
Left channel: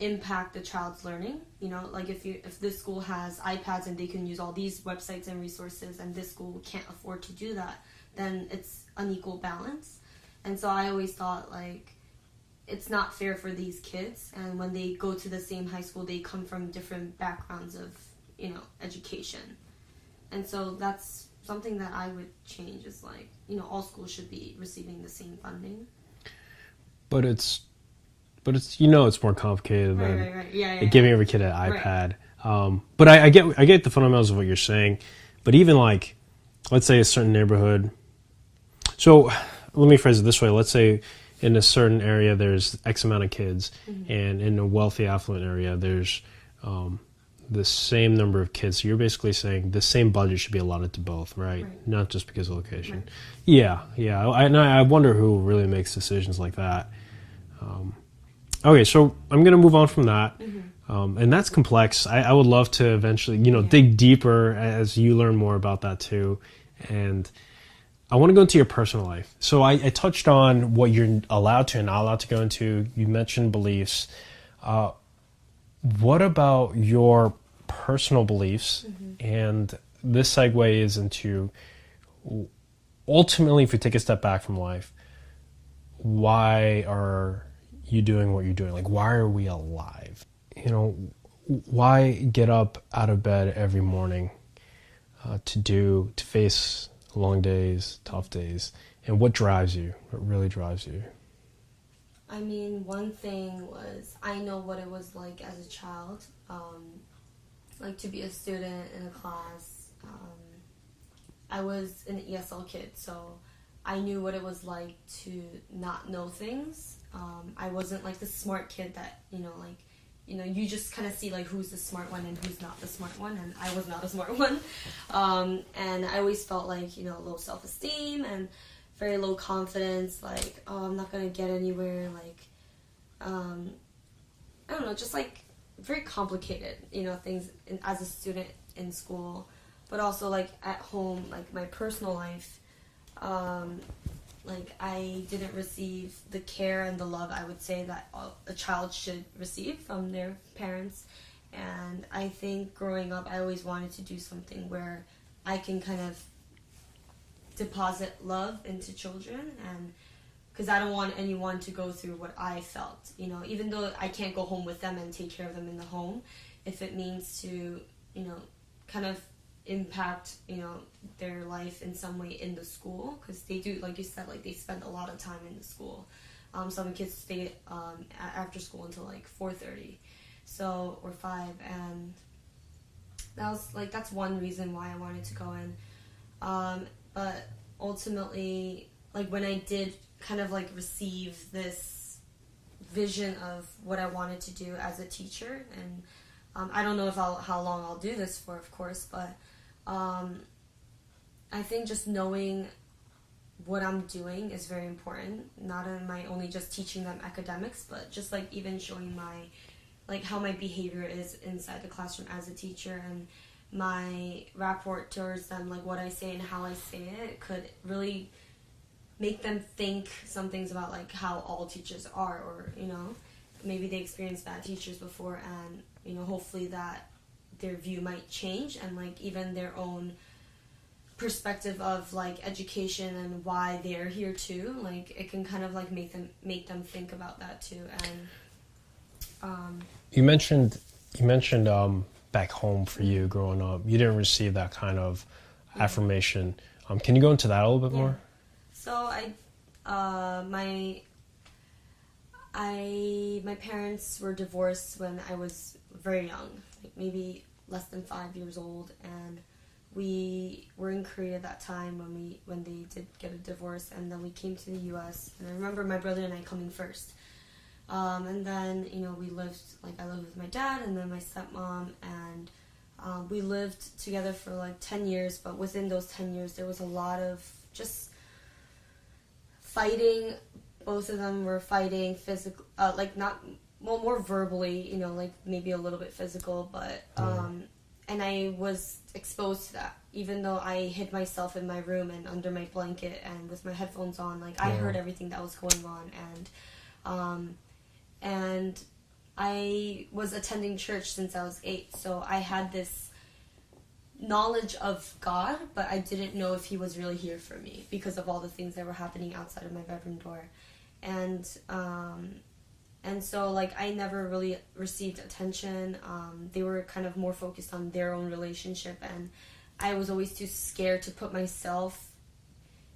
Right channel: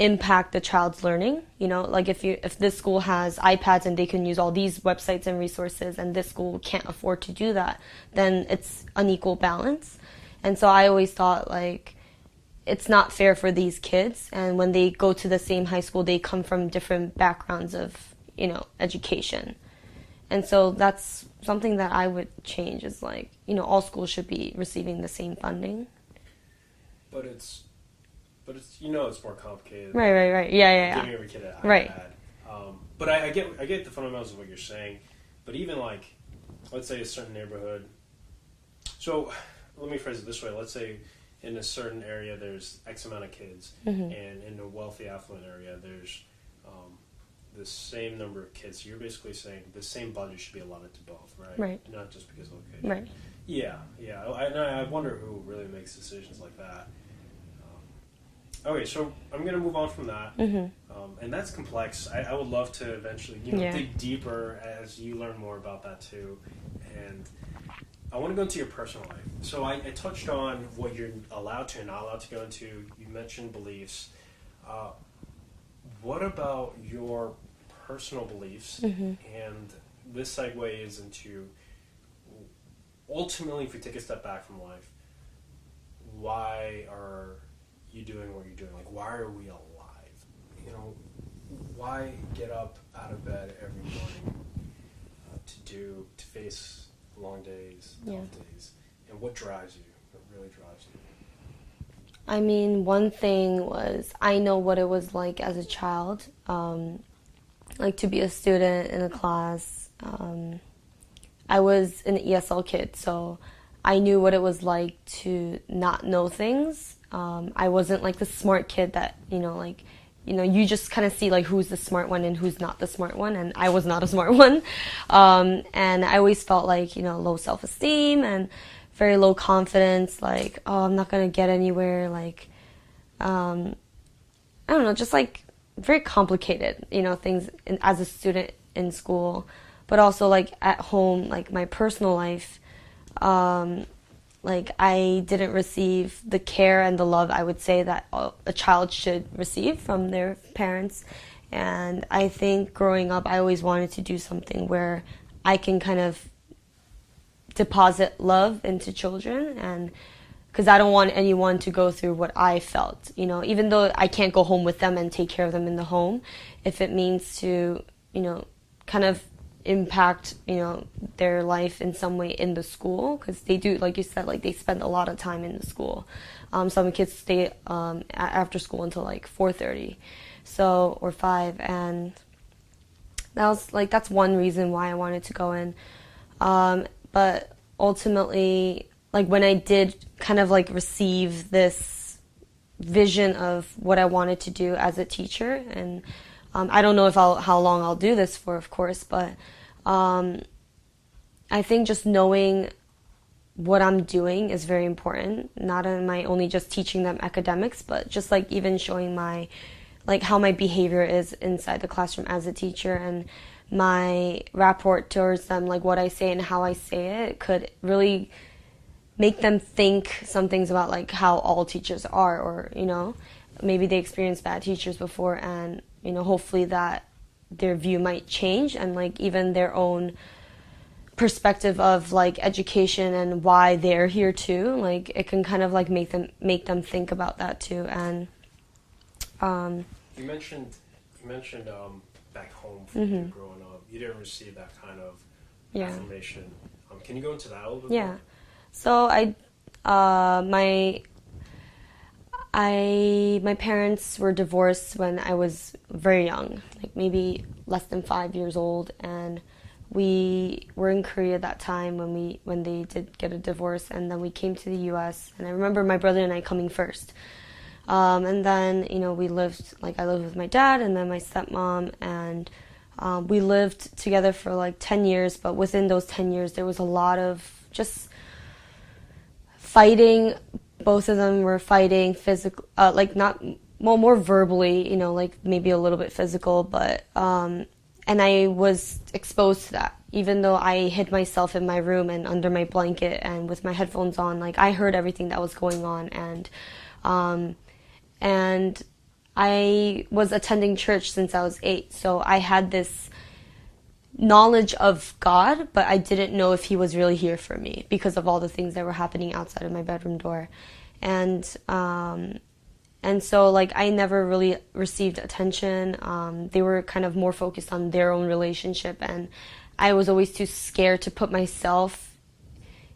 impact the child's learning. You know, like if this school has iPads and they can use all these websites and resources and this school can't afford to do that, then it's unequal balance. And so I always thought like it's not fair for these kids, and when they go to the same high school they come from different backgrounds of, you know, education. And so that's something that I would change, is like, you know, all schools should be receiving the same funding. But it's you know, it's more complicated. Right. Yeah. Giving every kid an iPad. Right. But I get the fundamentals of what you're saying. But even like, let's say a certain neighborhood. So let me phrase it this way. Let's say in a certain area there's X amount of kids, and in a wealthy, affluent area there's the same number of kids. So you're basically saying the same budget should be allotted to both, right? Not just because of location. Right. Yeah. I wonder who really makes decisions like that. Okay, so I'm going to move on from that. And that's complex. I would love to eventually, you know, dig deeper as you learn more about that too. And I want to go into your personal life. So I touched on what you're allowed to and not allowed to go into. You mentioned beliefs. What about your personal beliefs? And this segues into, ultimately, if we take a step back from life, why are you doing what you're doing? Like, why are we alive? You know, why get up out of bed every morning to face long days, tough days? And what drives you? What really drives you? I mean, one thing was, I know what it was like as a child, like to be a student in a class. I was an ESL kid, so I knew what it was like to not know things. I wasn't like the smart kid that, you just kind of see like who's the smart one and who's not the smart one, and I was not a smart one. And I always felt like, low self-esteem and very low confidence, like, oh, I'm not going to get anywhere, like, I don't know, just like very complicated, things as a student in school, but also like at home, like my personal life, like I didn't receive the care and the love I would say that a child should receive from their parents. And I think growing up, I always wanted to do something where I can kind of deposit love into children, and because I don't want anyone to go through what I felt, even though I can't go home with them and take care of them in the home, if it means to, kind of impact, their life in some way in the school, because they do, like you said, like they spend a lot of time in the school. Some kids stay after school until like 4:30, or 5, and that's one reason why I wanted to go in. But ultimately, like when I did kind of like receive this vision of what I wanted to do as a teacher, and I don't know how long I'll do this for, of course, but I think just knowing what I'm doing is very important. Not am I only just teaching them academics, but just like even showing my like how my behavior is inside the classroom as a teacher, and my rapport towards them, like what I say and how I say it, could really make them think some things about like how all teachers are, or maybe they experienced bad teachers before, and hopefully that their view might change, and like even their own perspective of like education and why they're here too, like it can kind of like make them think about that too. And you mentioned back home for you growing up, you didn't receive that kind of affirmation. Can you go into that a little bit more? So my parents were divorced when I was very young, like maybe less than 5 years old, and we were in Korea at that time when they did get a divorce, and then we came to the U.S. And I remember my brother and I coming first, and then I lived with my dad and then my stepmom, and we lived together for like 10 years. But within those 10 years, there was a lot of just fighting. Both of them were fighting physical, more verbally, like maybe a little bit physical, but and I was exposed to that. Even though I hid myself in my room and under my blanket and with my headphones on, like I heard everything that was going on, and I was attending church since I was 8, so I had this knowledge of God, but I didn't know if he was really here for me because of all the things that were happening outside of my bedroom door. And so like I never really received attention. They were kind of more focused on their own relationship, and I was always too scared to put myself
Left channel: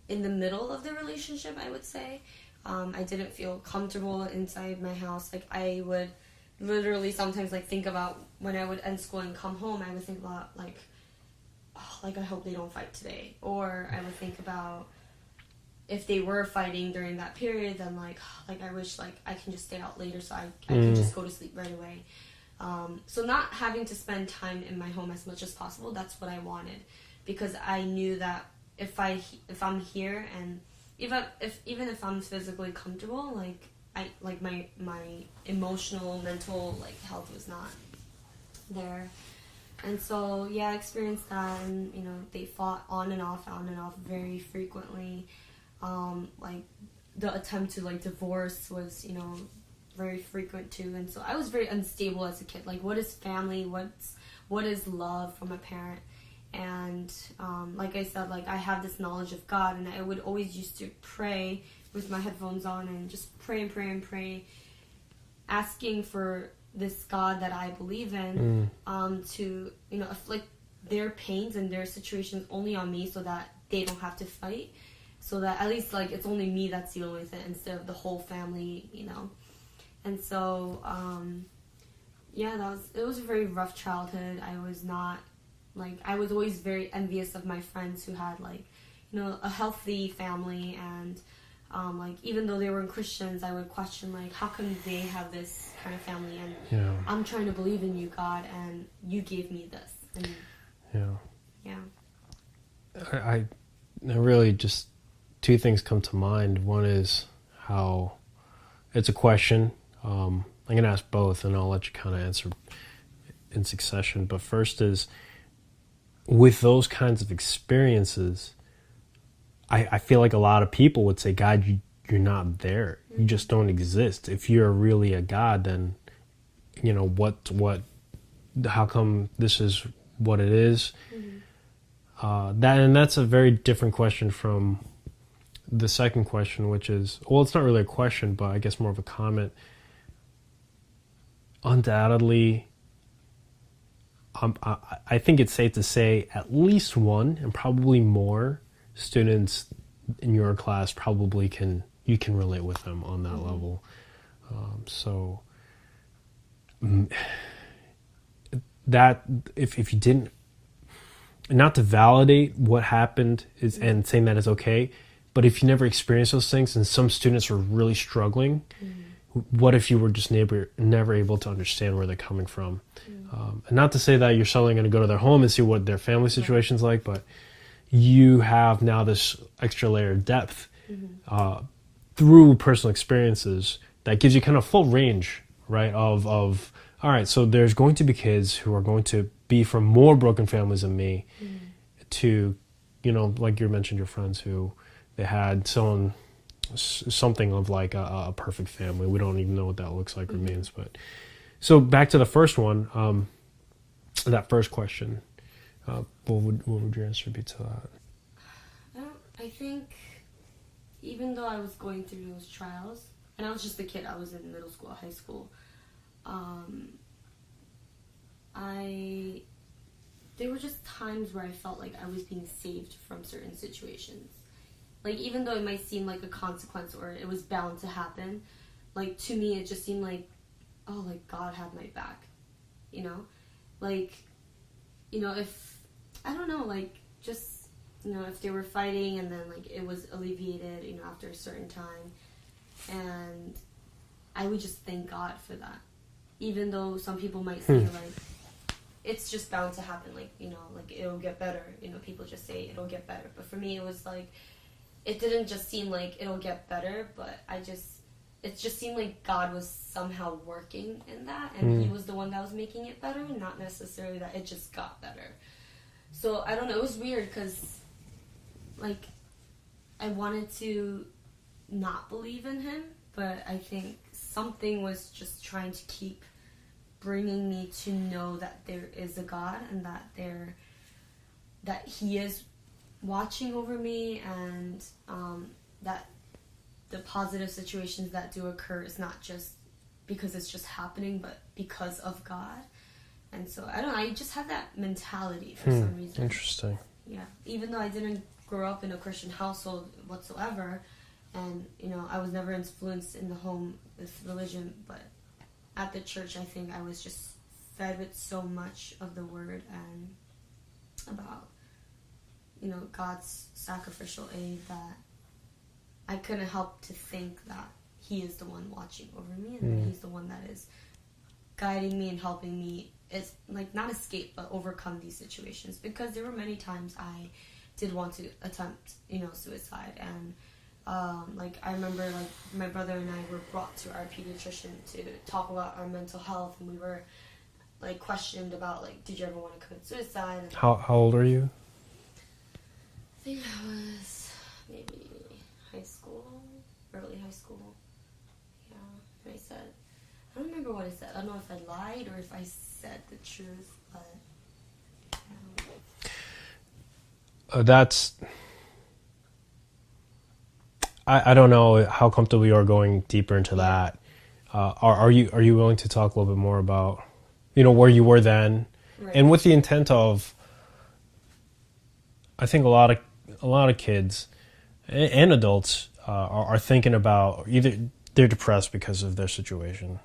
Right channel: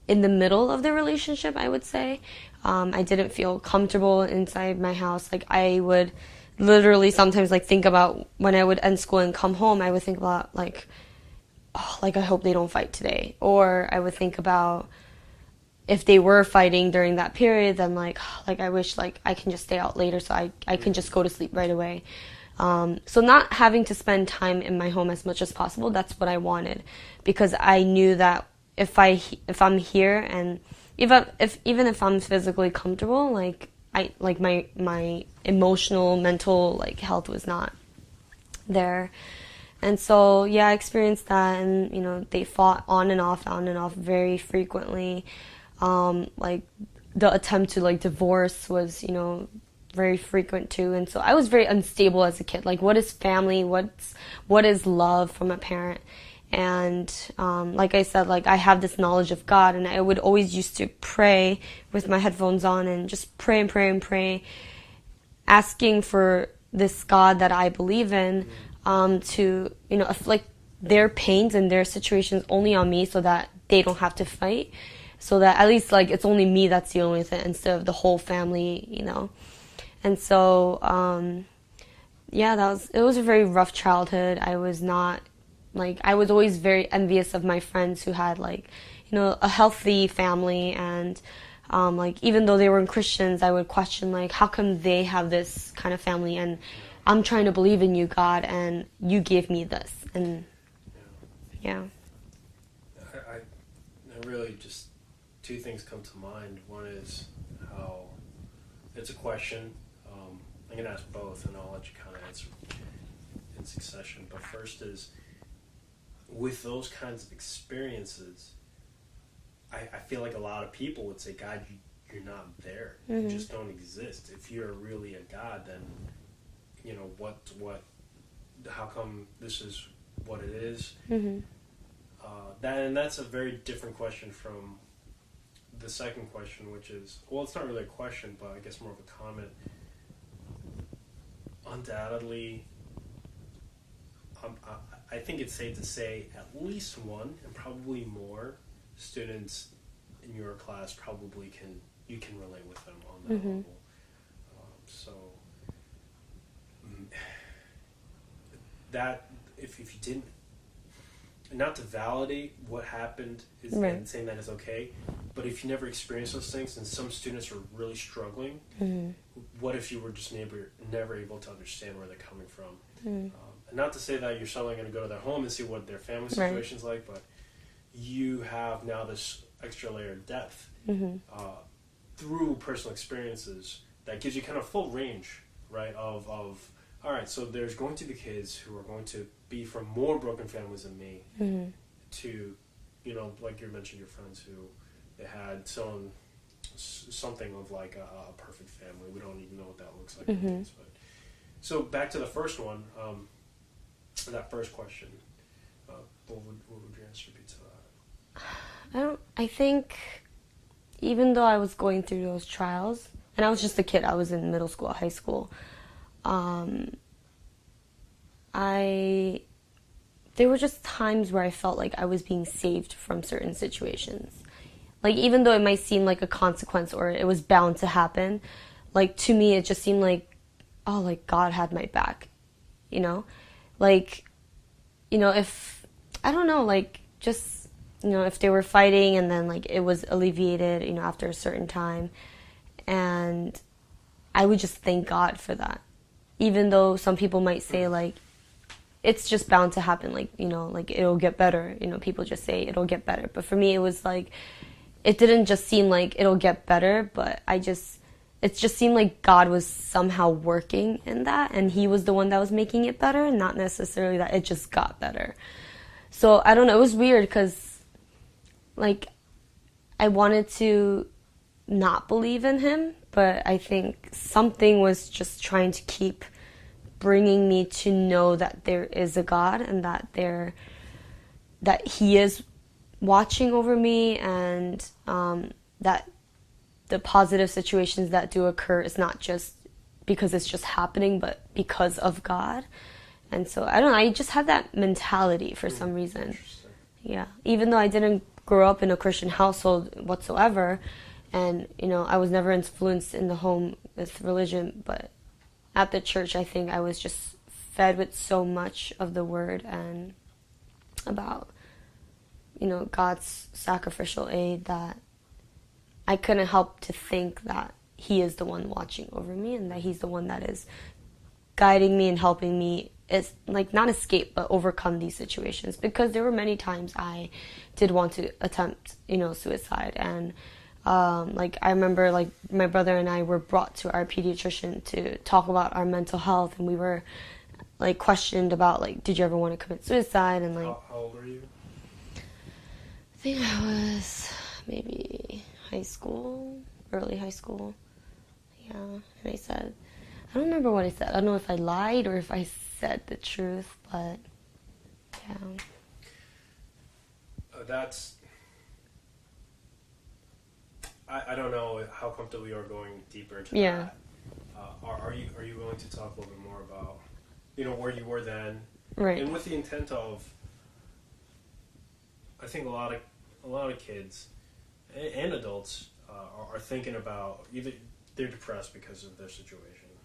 in the middle of the relationship, I would say. I didn't feel comfortable inside my house. Like I would literally sometimes like think about when I would end school and come home, I would think about like, oh, like I hope they don't fight today. Or I would think about if they were fighting during that period, then like I wish like I can just stay out later so I can just go to sleep right away. So not having to spend time in my home as much as possible, that's what I wanted, because I knew that if I'm here, and even if I'm physically comfortable, like my emotional, mental like health was not there. And so I experienced that, and they fought on and off very frequently. Like the attempt to like divorce was very frequent too, and so I was very unstable as a kid. Like, what is family? What is love from a parent? And like I said, like I have this knowledge of God, and I would always used to pray with my headphones on and just pray and pray and pray, asking for this God that I believe in to afflict their pains and their situations only on me, so that they don't have to fight, so that at least like it's only me that's dealing with it instead of the whole family, And so it was a very rough childhood. I was always very envious of my friends who had like a healthy family, and like even though they were Christians, I would question like, how come they have this kind of family, and I'm trying to believe in you, God, and you gave me this. And I really just two things come to mind. One is how it's a question. I'm going to ask both, and I'll let you kind of answer in succession. But first is, with those kinds of experiences, I feel like a lot of people would say, God, you're not there. You just don't exist. If you're really a God, then, how come this is what it is? That's a very different question from the second question, which is, well, it's not really a question, but I guess more of a comment. Undoubtedly, I think it's safe to say at least one, and probably more, students in your class probably you can relate with them on that level. So that if you didn't, not to validate what happened and saying that is okay, but if you never experienced those things, and some students are really struggling, what if you were just never able to understand where they're coming from? And not to say that you're suddenly going to go to their home and see what their family situation's like, but you have now this extra layer of depth through personal experiences that gives you kind of full range, right, of all right, so there's going to be kids who are going to be from more broken families than me, to, like you mentioned, your friends who they had something of like a perfect family. We don't even know what that looks like or means. But so back to the first one, that first question, what would your answer be to that? I think even though I was going through those trials, and I was just a kid, I was in middle school, high school, there were just times where I felt like I was being saved from certain situations. Like, even though it might seem like a consequence or it was bound to happen, like, to me, it just seemed like, oh, like, God had my back, Like, if, I don't know, like, just, if they were fighting and then, like, it was alleviated, after a certain time, and I would just thank God for that. Even though some people might say, like, it's just bound to happen, like, like, it'll get better. People just say it'll get better. But for me, it was like, it didn't just seem like it'll get better, but it just seemed like God was somehow working in that, and He was the one that was making it better, not necessarily that it just got better. So, I don't know, it was weird, because, like, I wanted to not believe in Him, but I think something was just trying to keep bringing me to know that there is a God, and that He is watching over me, and that the positive situations that do occur is not just because it's just happening, but because of God. And so, I don't know, I just had that mentality for some reason. Interesting. Yeah. Even though I didn't grow up in a Christian household whatsoever, and, I was never influenced in the home with religion, but at the church, I think I was just fed with so much of the Word and about, God's sacrificial aid, that I couldn't help to think that He is the one watching over me, and that He's the one that is guiding me and helping me, like, not escape, but overcome these situations. Because there were many times I did want to attempt, suicide. And, like, I remember, like, my brother and I were brought to our pediatrician to talk about our mental health, and we were, like, questioned about, like, did you ever want to commit suicide? And how old are you? I think I was maybe early high school. Yeah, and I said, I don't remember what I said. I don't know if I lied or if I said the truth, but yeah. I don't know how comfortable you are going deeper into that. Are you willing to talk a little bit more about, where you were then, right. And with the intent of, I think a lot of kids and adults are thinking about either they're depressed because of their situation,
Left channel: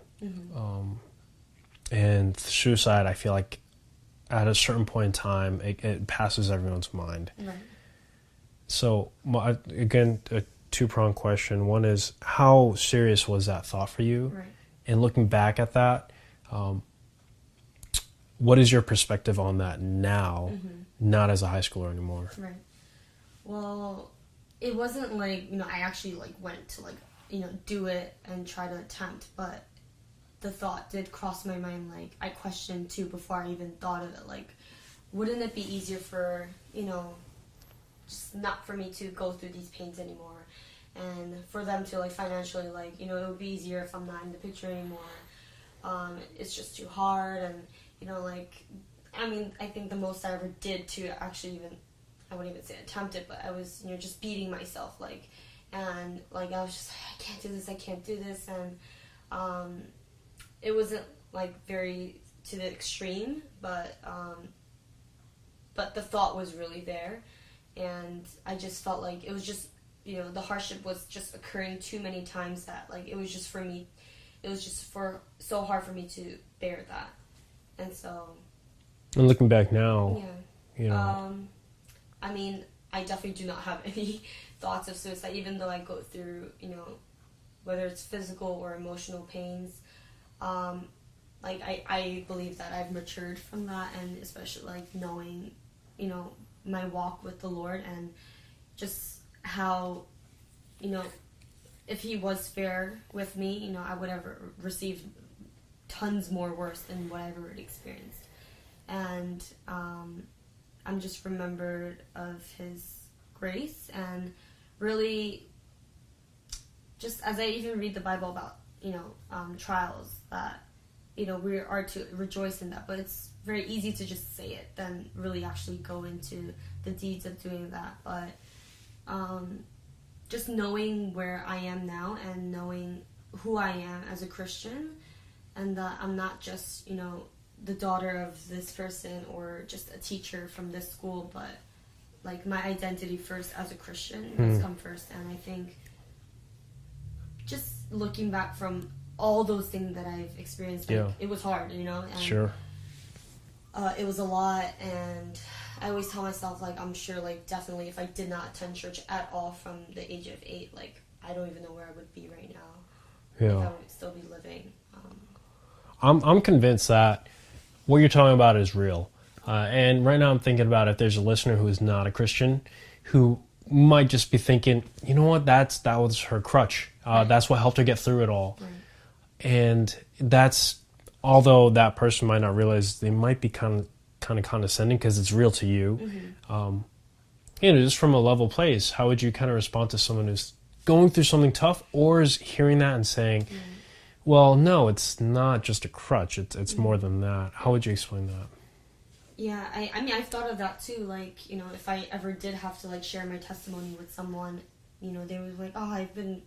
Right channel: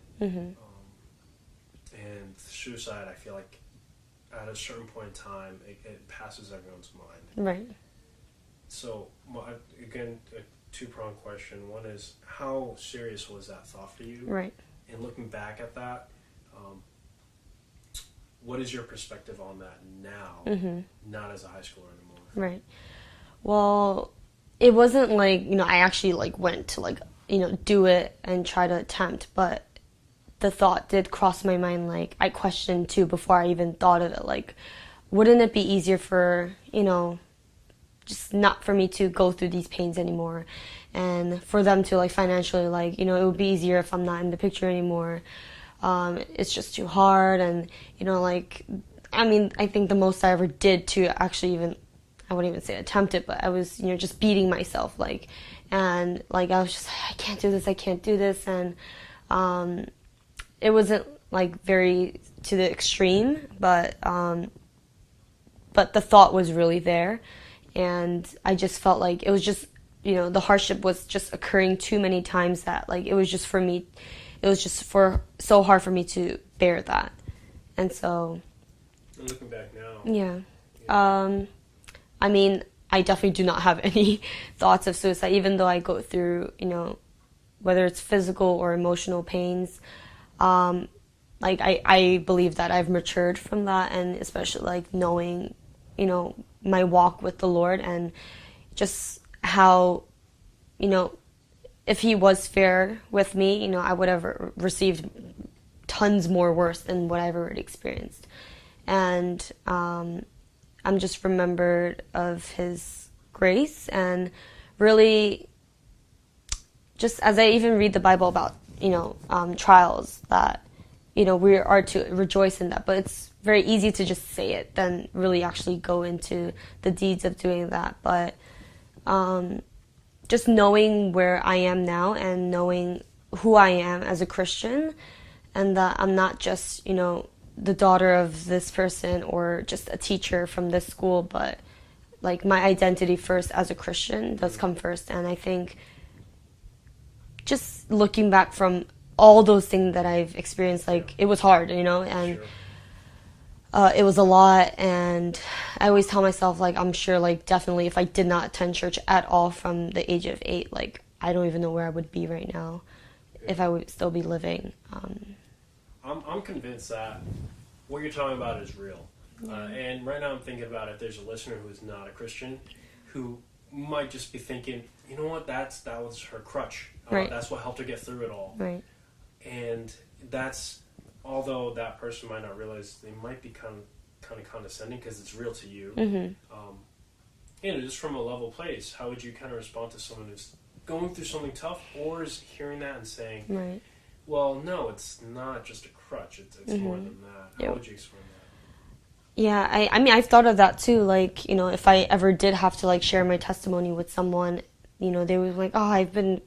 and suicide. I feel like at a certain point in time, it passes everyone's mind. Right. So again, a two-pronged question. One is, how serious was that thought for you? Right. And looking back at that, what is your perspective on that now, not as a high schooler anymore? Right. Well, it wasn't like, I actually, like, went to, like, do it and try to attempt, but the thought did cross my mind. Like, I questioned too before I even thought of it, like, wouldn't it be easier for, just not for me to go through these pains anymore, and for them to, like, financially, like, it would be easier if I'm not in the picture anymore. It's just too hard, and, like, I mean, I think the most I ever did to actually even, I wouldn't even say attempt it, but I was, just beating myself, like, and, like, I was just, I can't do this, and it wasn't, like, very to the extreme, but the thought was really there, and I just felt like it was just, the hardship was just occurring too many times that, like, it was just so hard for me to bear that, and so. And looking back now. Yeah. I mean, I definitely do not have any thoughts of suicide, even though I go through, whether it's physical or emotional pains. Like, I believe that I've matured from that, and especially, like, knowing, my walk with the Lord, and just how, if He was fair with me, I would have received tons more worse than what I've already experienced. And I'm just remembered of his grace, and really, just as I even read the Bible about, trials, that, we are to rejoice in that. But it's very easy to just say it than really actually go into the deeds of doing that. But just knowing where I am now and knowing who I am as a Christian, and that I'm not just, the daughter of this person or just a teacher from this school, but like my identity first as a Christian does come first. And I think just looking back from all those things that I've experienced, it was hard, and Sure. It was a lot. And I always tell myself, I'm sure, definitely if I did not attend church at all from the age of 8, I don't even know where I would be right now, if I would still be living. I'm convinced that what you're talking about is real. And right now I'm thinking about if there's a listener who is not a Christian, who might just be thinking, you know what, that was her crutch. Right. That's what helped her get through it all. Right. And that's, although that person might not realize, they might be kind of condescending because it's real to you. Mm-hmm. Just from a level place, how would you kind of respond to someone who's going through something tough, or is hearing that and saying, Right. well, no, it's not just a crutch, it's more than that. How would you explain that? Yeah, I mean, I've thought of that too. If I ever did have to share my testimony with someone, they were like, oh, I've been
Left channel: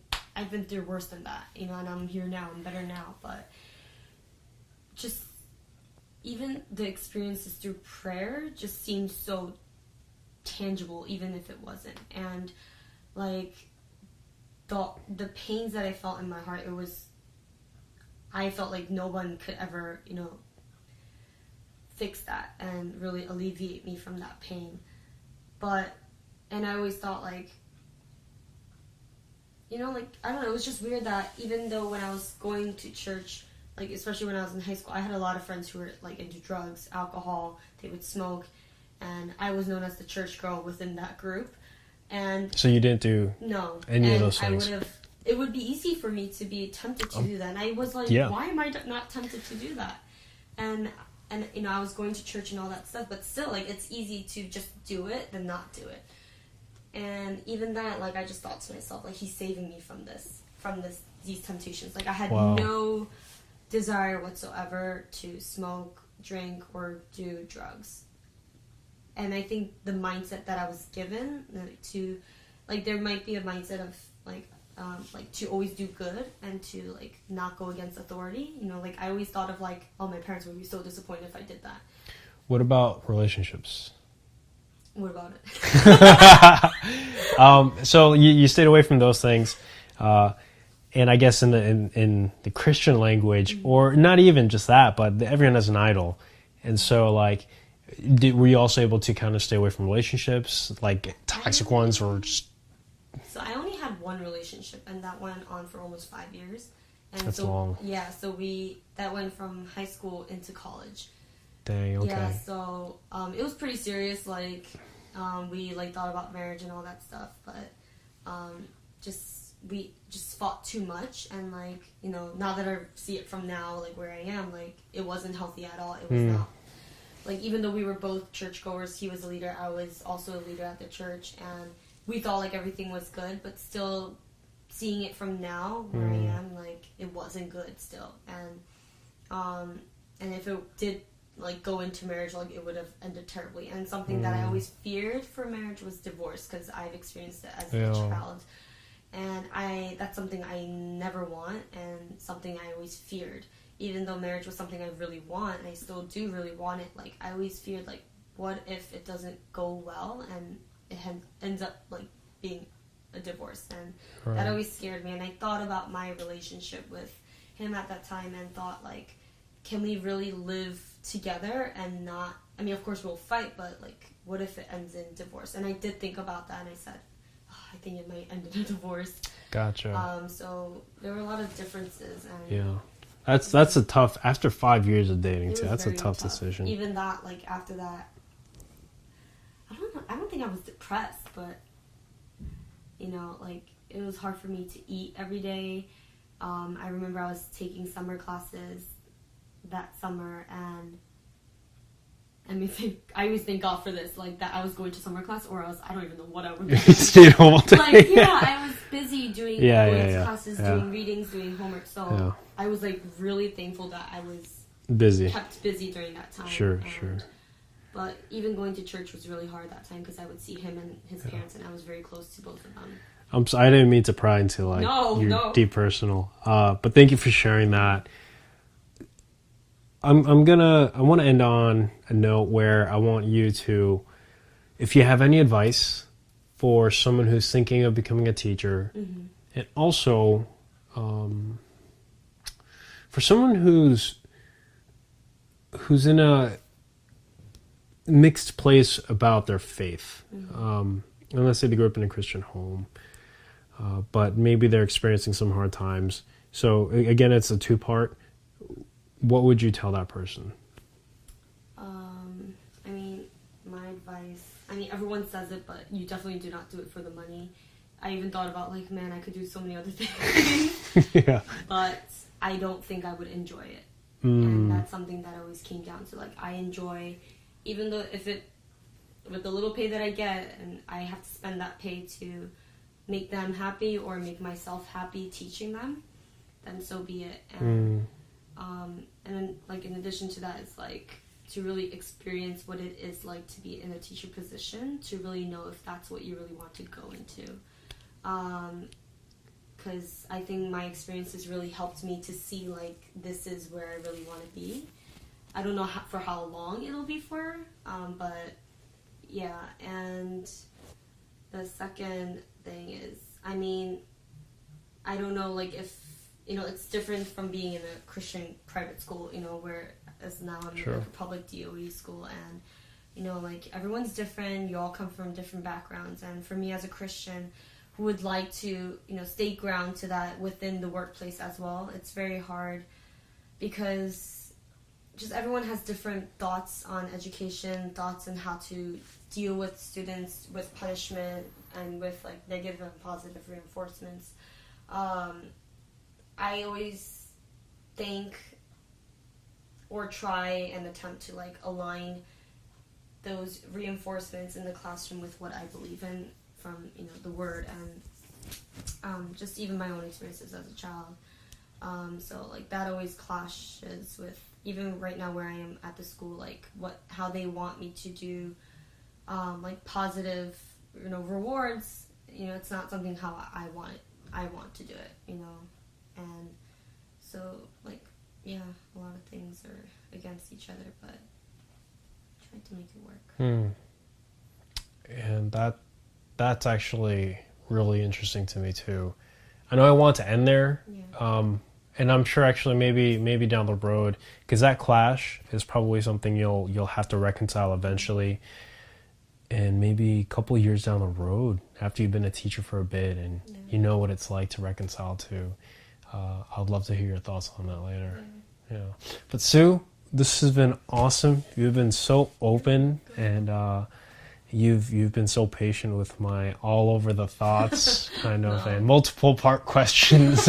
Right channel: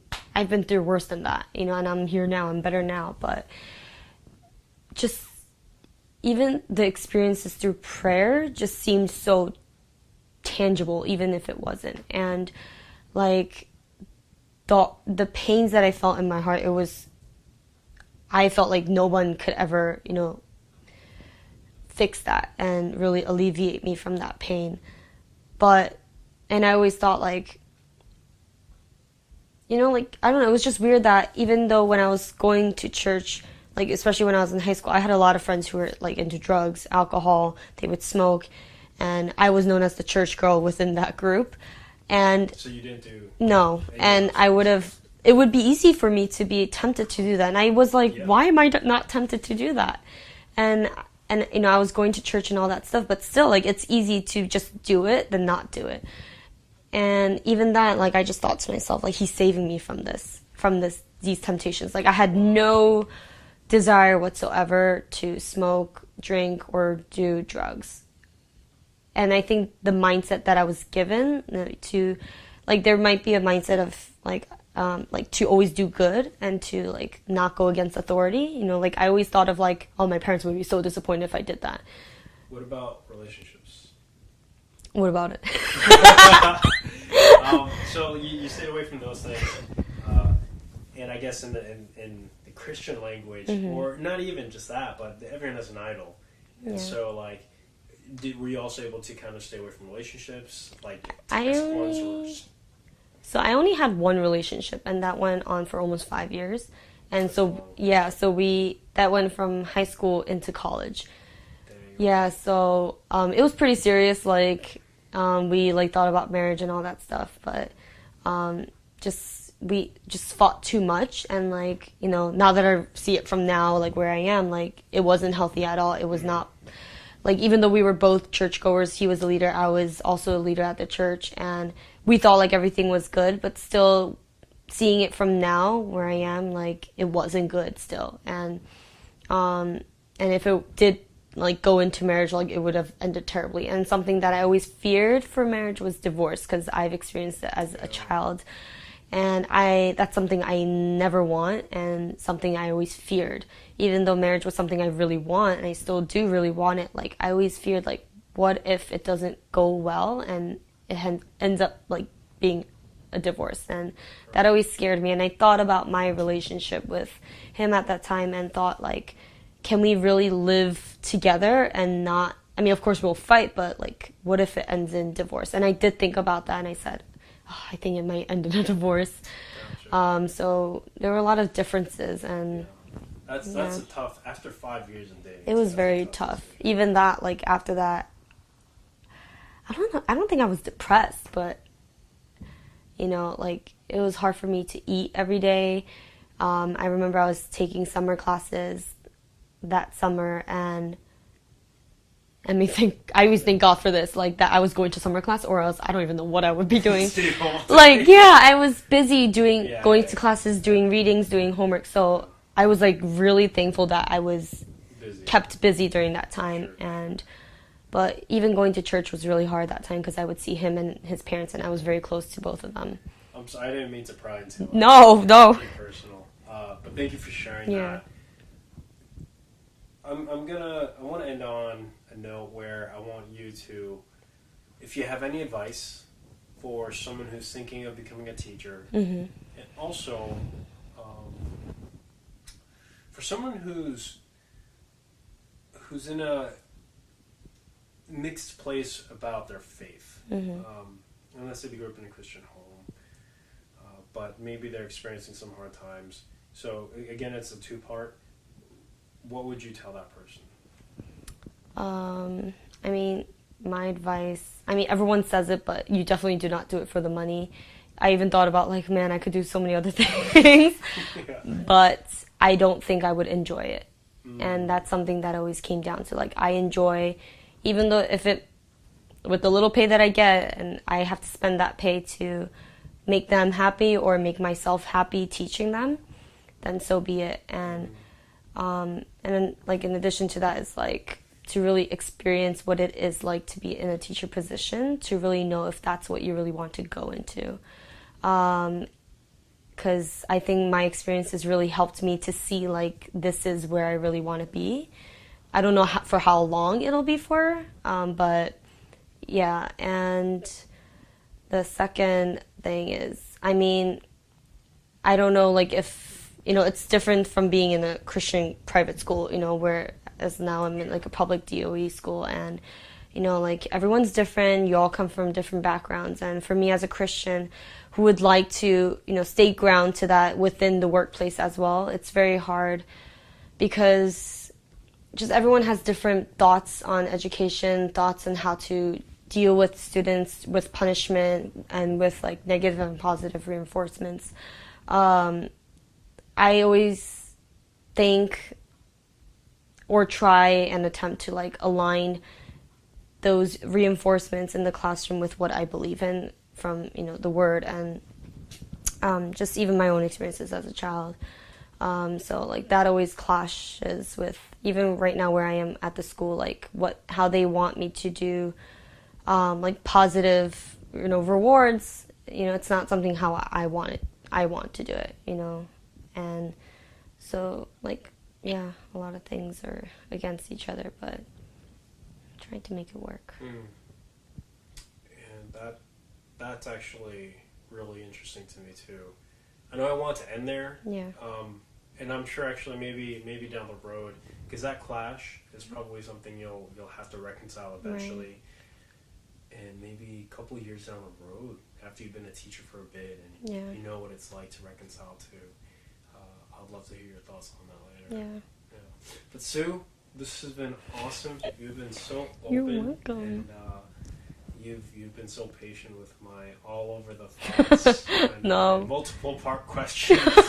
through worse than that, and I'm here now, I'm better now. But just even the experiences through prayer just seemed so tangible, even if it wasn't. And the pains that I felt in my heart, I felt like no one could ever, fix that and really alleviate me from that pain. And I always thought I don't know, it was just weird that even though when I was going to church, especially when I was in high school, I had a lot of friends who were into drugs, alcohol, they would smoke, and I was known as the church girl within that group. And so you didn't do no, any and of those I things. would have. It would be easy for me to be tempted to do that, and I was like, why am I not tempted to do that? And I was going to church and all that stuff, but still, it's easy to just do it than not do it. And even that, I just thought to myself, he's saving me from these temptations. I had no desire whatsoever to smoke, drink, or do drugs. And I think the mindset that I was given to, there might be a mindset of to always do good and to not go against authority. I always thought of oh, my parents would be so disappointed if I did that. What about relationships? What about it? So you stayed away from those things, and I guess in the Christian language, or not even just that, but everyone has an idol, and so were you also able to kind of stay away from relationships, toxic ones, or just? So I only had one relationship, and that went on for almost 5 years. And That's so long. that went from high school into college. Dang, okay. Yeah, so it was pretty serious. We thought about marriage and all that stuff, but we just fought too much. And now that I see it from now, where I am, it wasn't healthy at all. It was not. Even though we were both churchgoers, he was a leader, I was also a leader at the church, and we thought everything was good, but still seeing it from now where I am, it wasn't good still. And if it did go into marriage, it would have ended terribly. And something that I always feared for marriage was divorce, because I've experienced it as a child. And that's something I never want, and something I always feared. Even though marriage was something I really want, and I still do really want it, I always feared, what if it doesn't go well and it ends up being a divorce? And that always scared me. And I thought about my relationship with him at that time and thought, can we really live together and not, I mean, of course we'll fight, but what if it ends in divorce? And I did think about that, and I said, I think it might end in a divorce. Gotcha. So there were a lot of differences, and that's a tough, after 5 years of dating, it was that's very a tough tough. decision. Even that, after that, I don't know. I don't think I was depressed, but it was hard for me to eat every day. I remember I was taking summer classes, that summer, and I always thank God for this, like that I was going to summer class, or else I don't even know what I would be doing. Like, yeah, I was busy going to classes, doing readings, doing homework. So I was like really thankful that I was kept busy during that time. But even going to church was really hard that time because I would see him and his parents, and I was very close to both of them. I didn't mean to pry into like no deep personal, but thank you for sharing that. I want to end on a note where I want you to, if you have any advice for someone who's thinking of becoming a teacher, and also for someone who's in a mixed place about their faith. And let's say they grew up in a Christian home, but maybe they're experiencing some hard times. So again, it's a two-part. What would you tell that person? I mean, my advice, everyone says it, but you definitely do not do it for the money. I even thought about like, man, I could do so many other things, but I don't think I would enjoy it. And that's something that always came down to, like, I enjoy, even though with the little pay that I get, and I have to spend that pay to make them happy or make myself happy teaching them, then so be it. And then, like, in addition to that is, like, to really experience what it is like to be in a teacher position, to really know if that's what you really want to go into. Because I think my experiences really helped me to see, like, this is where I really want to be. I don't know for how long it'll be for, but yeah. And the second thing is, I don't know, like, if, it's different from being in a Christian private school, whereas now I'm in, like, a public DOE school, and, like, everyone's different, you all come from different backgrounds, and for me as a Christian who would like to, stay ground to that within the workplace as well, it's very hard because just everyone has different thoughts on education, thoughts on how to deal with students with punishment and with, like, negative and positive reinforcements. I always think or try and attempt to, like, align those reinforcements in the classroom with what I believe in from, the word, and just even my own experiences as a child. So, like, that always clashes with, even right now where I am at the school, like, how they want me to do, like, positive, rewards. It's not something how I want to do it, and so, like, yeah, a lot of things are against each other, but I'm trying to make it work. And that's actually really interesting to me too. I know I want to end there. And I'm sure actually maybe down the road, because that clash is probably something you'll have to reconcile eventually. And maybe a couple of years down the road, after you've been a teacher for a bit and you know what it's like to reconcile to, I'd love to hear your thoughts on that later. But Sue, this has been awesome. You've been so open, and you've been so patient with my all over the thoughts and multiple part questions.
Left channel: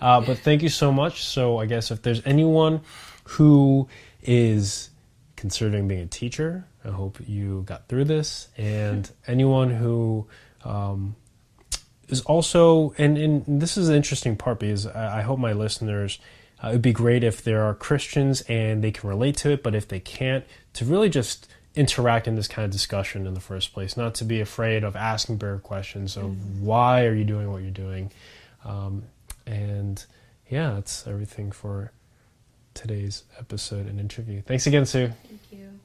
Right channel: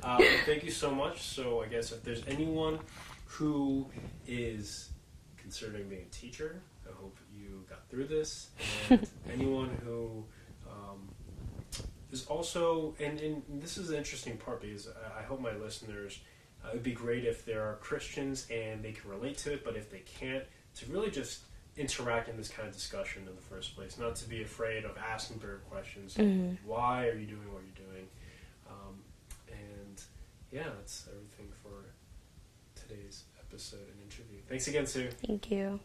But thank you so much. So I guess if there's anyone who is considering being a teacher, I hope you got through this. And anyone who is also, and this is an interesting part, because I hope my listeners, it would be great if there are Christians and they can relate to it, but if they can't, to really just interact in this kind of discussion in the first place, not to be afraid of asking bigger questions of why are you doing what you're doing. And yeah, that's everything for today's episode and interview. Thanks again, Sue. Thank you.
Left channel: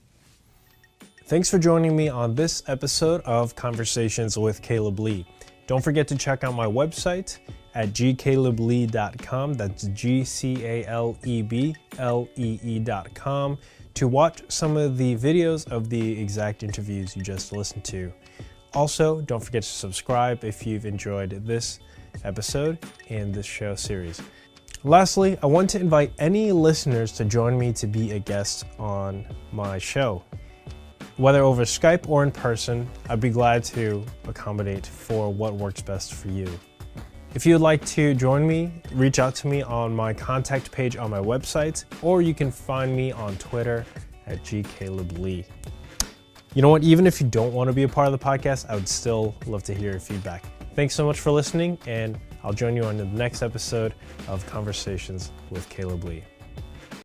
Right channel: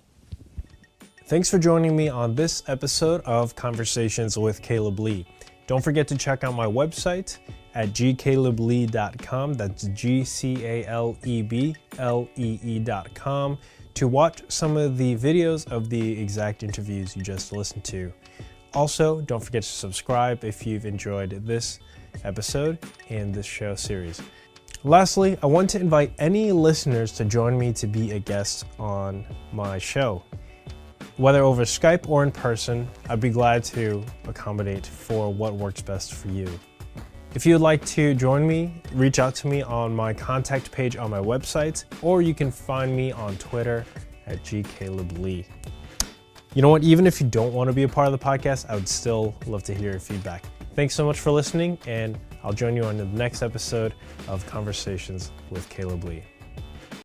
Thanks for joining me on this episode of Conversations with Caleb Lee. Don't forget to check out my website at gcaleblee.com. That's GCALEBLEE.com to watch some of the videos of the exact interviews you just listened to. Also, don't forget to subscribe if you've enjoyed this episode and this show series. Lastly, I want to invite any listeners to join me to be a guest on my show. Whether over Skype or in person, I'd be glad to accommodate for what works best for you. If you'd like to join me, reach out to me on my contact page on my website, or you can find me on Twitter at gcaleblee. You know what? Even if you don't want to be a part of the podcast, I would still love to hear your feedback. Thanks so much for listening, and I'll join you on the next episode of Conversations with Caleb Lee.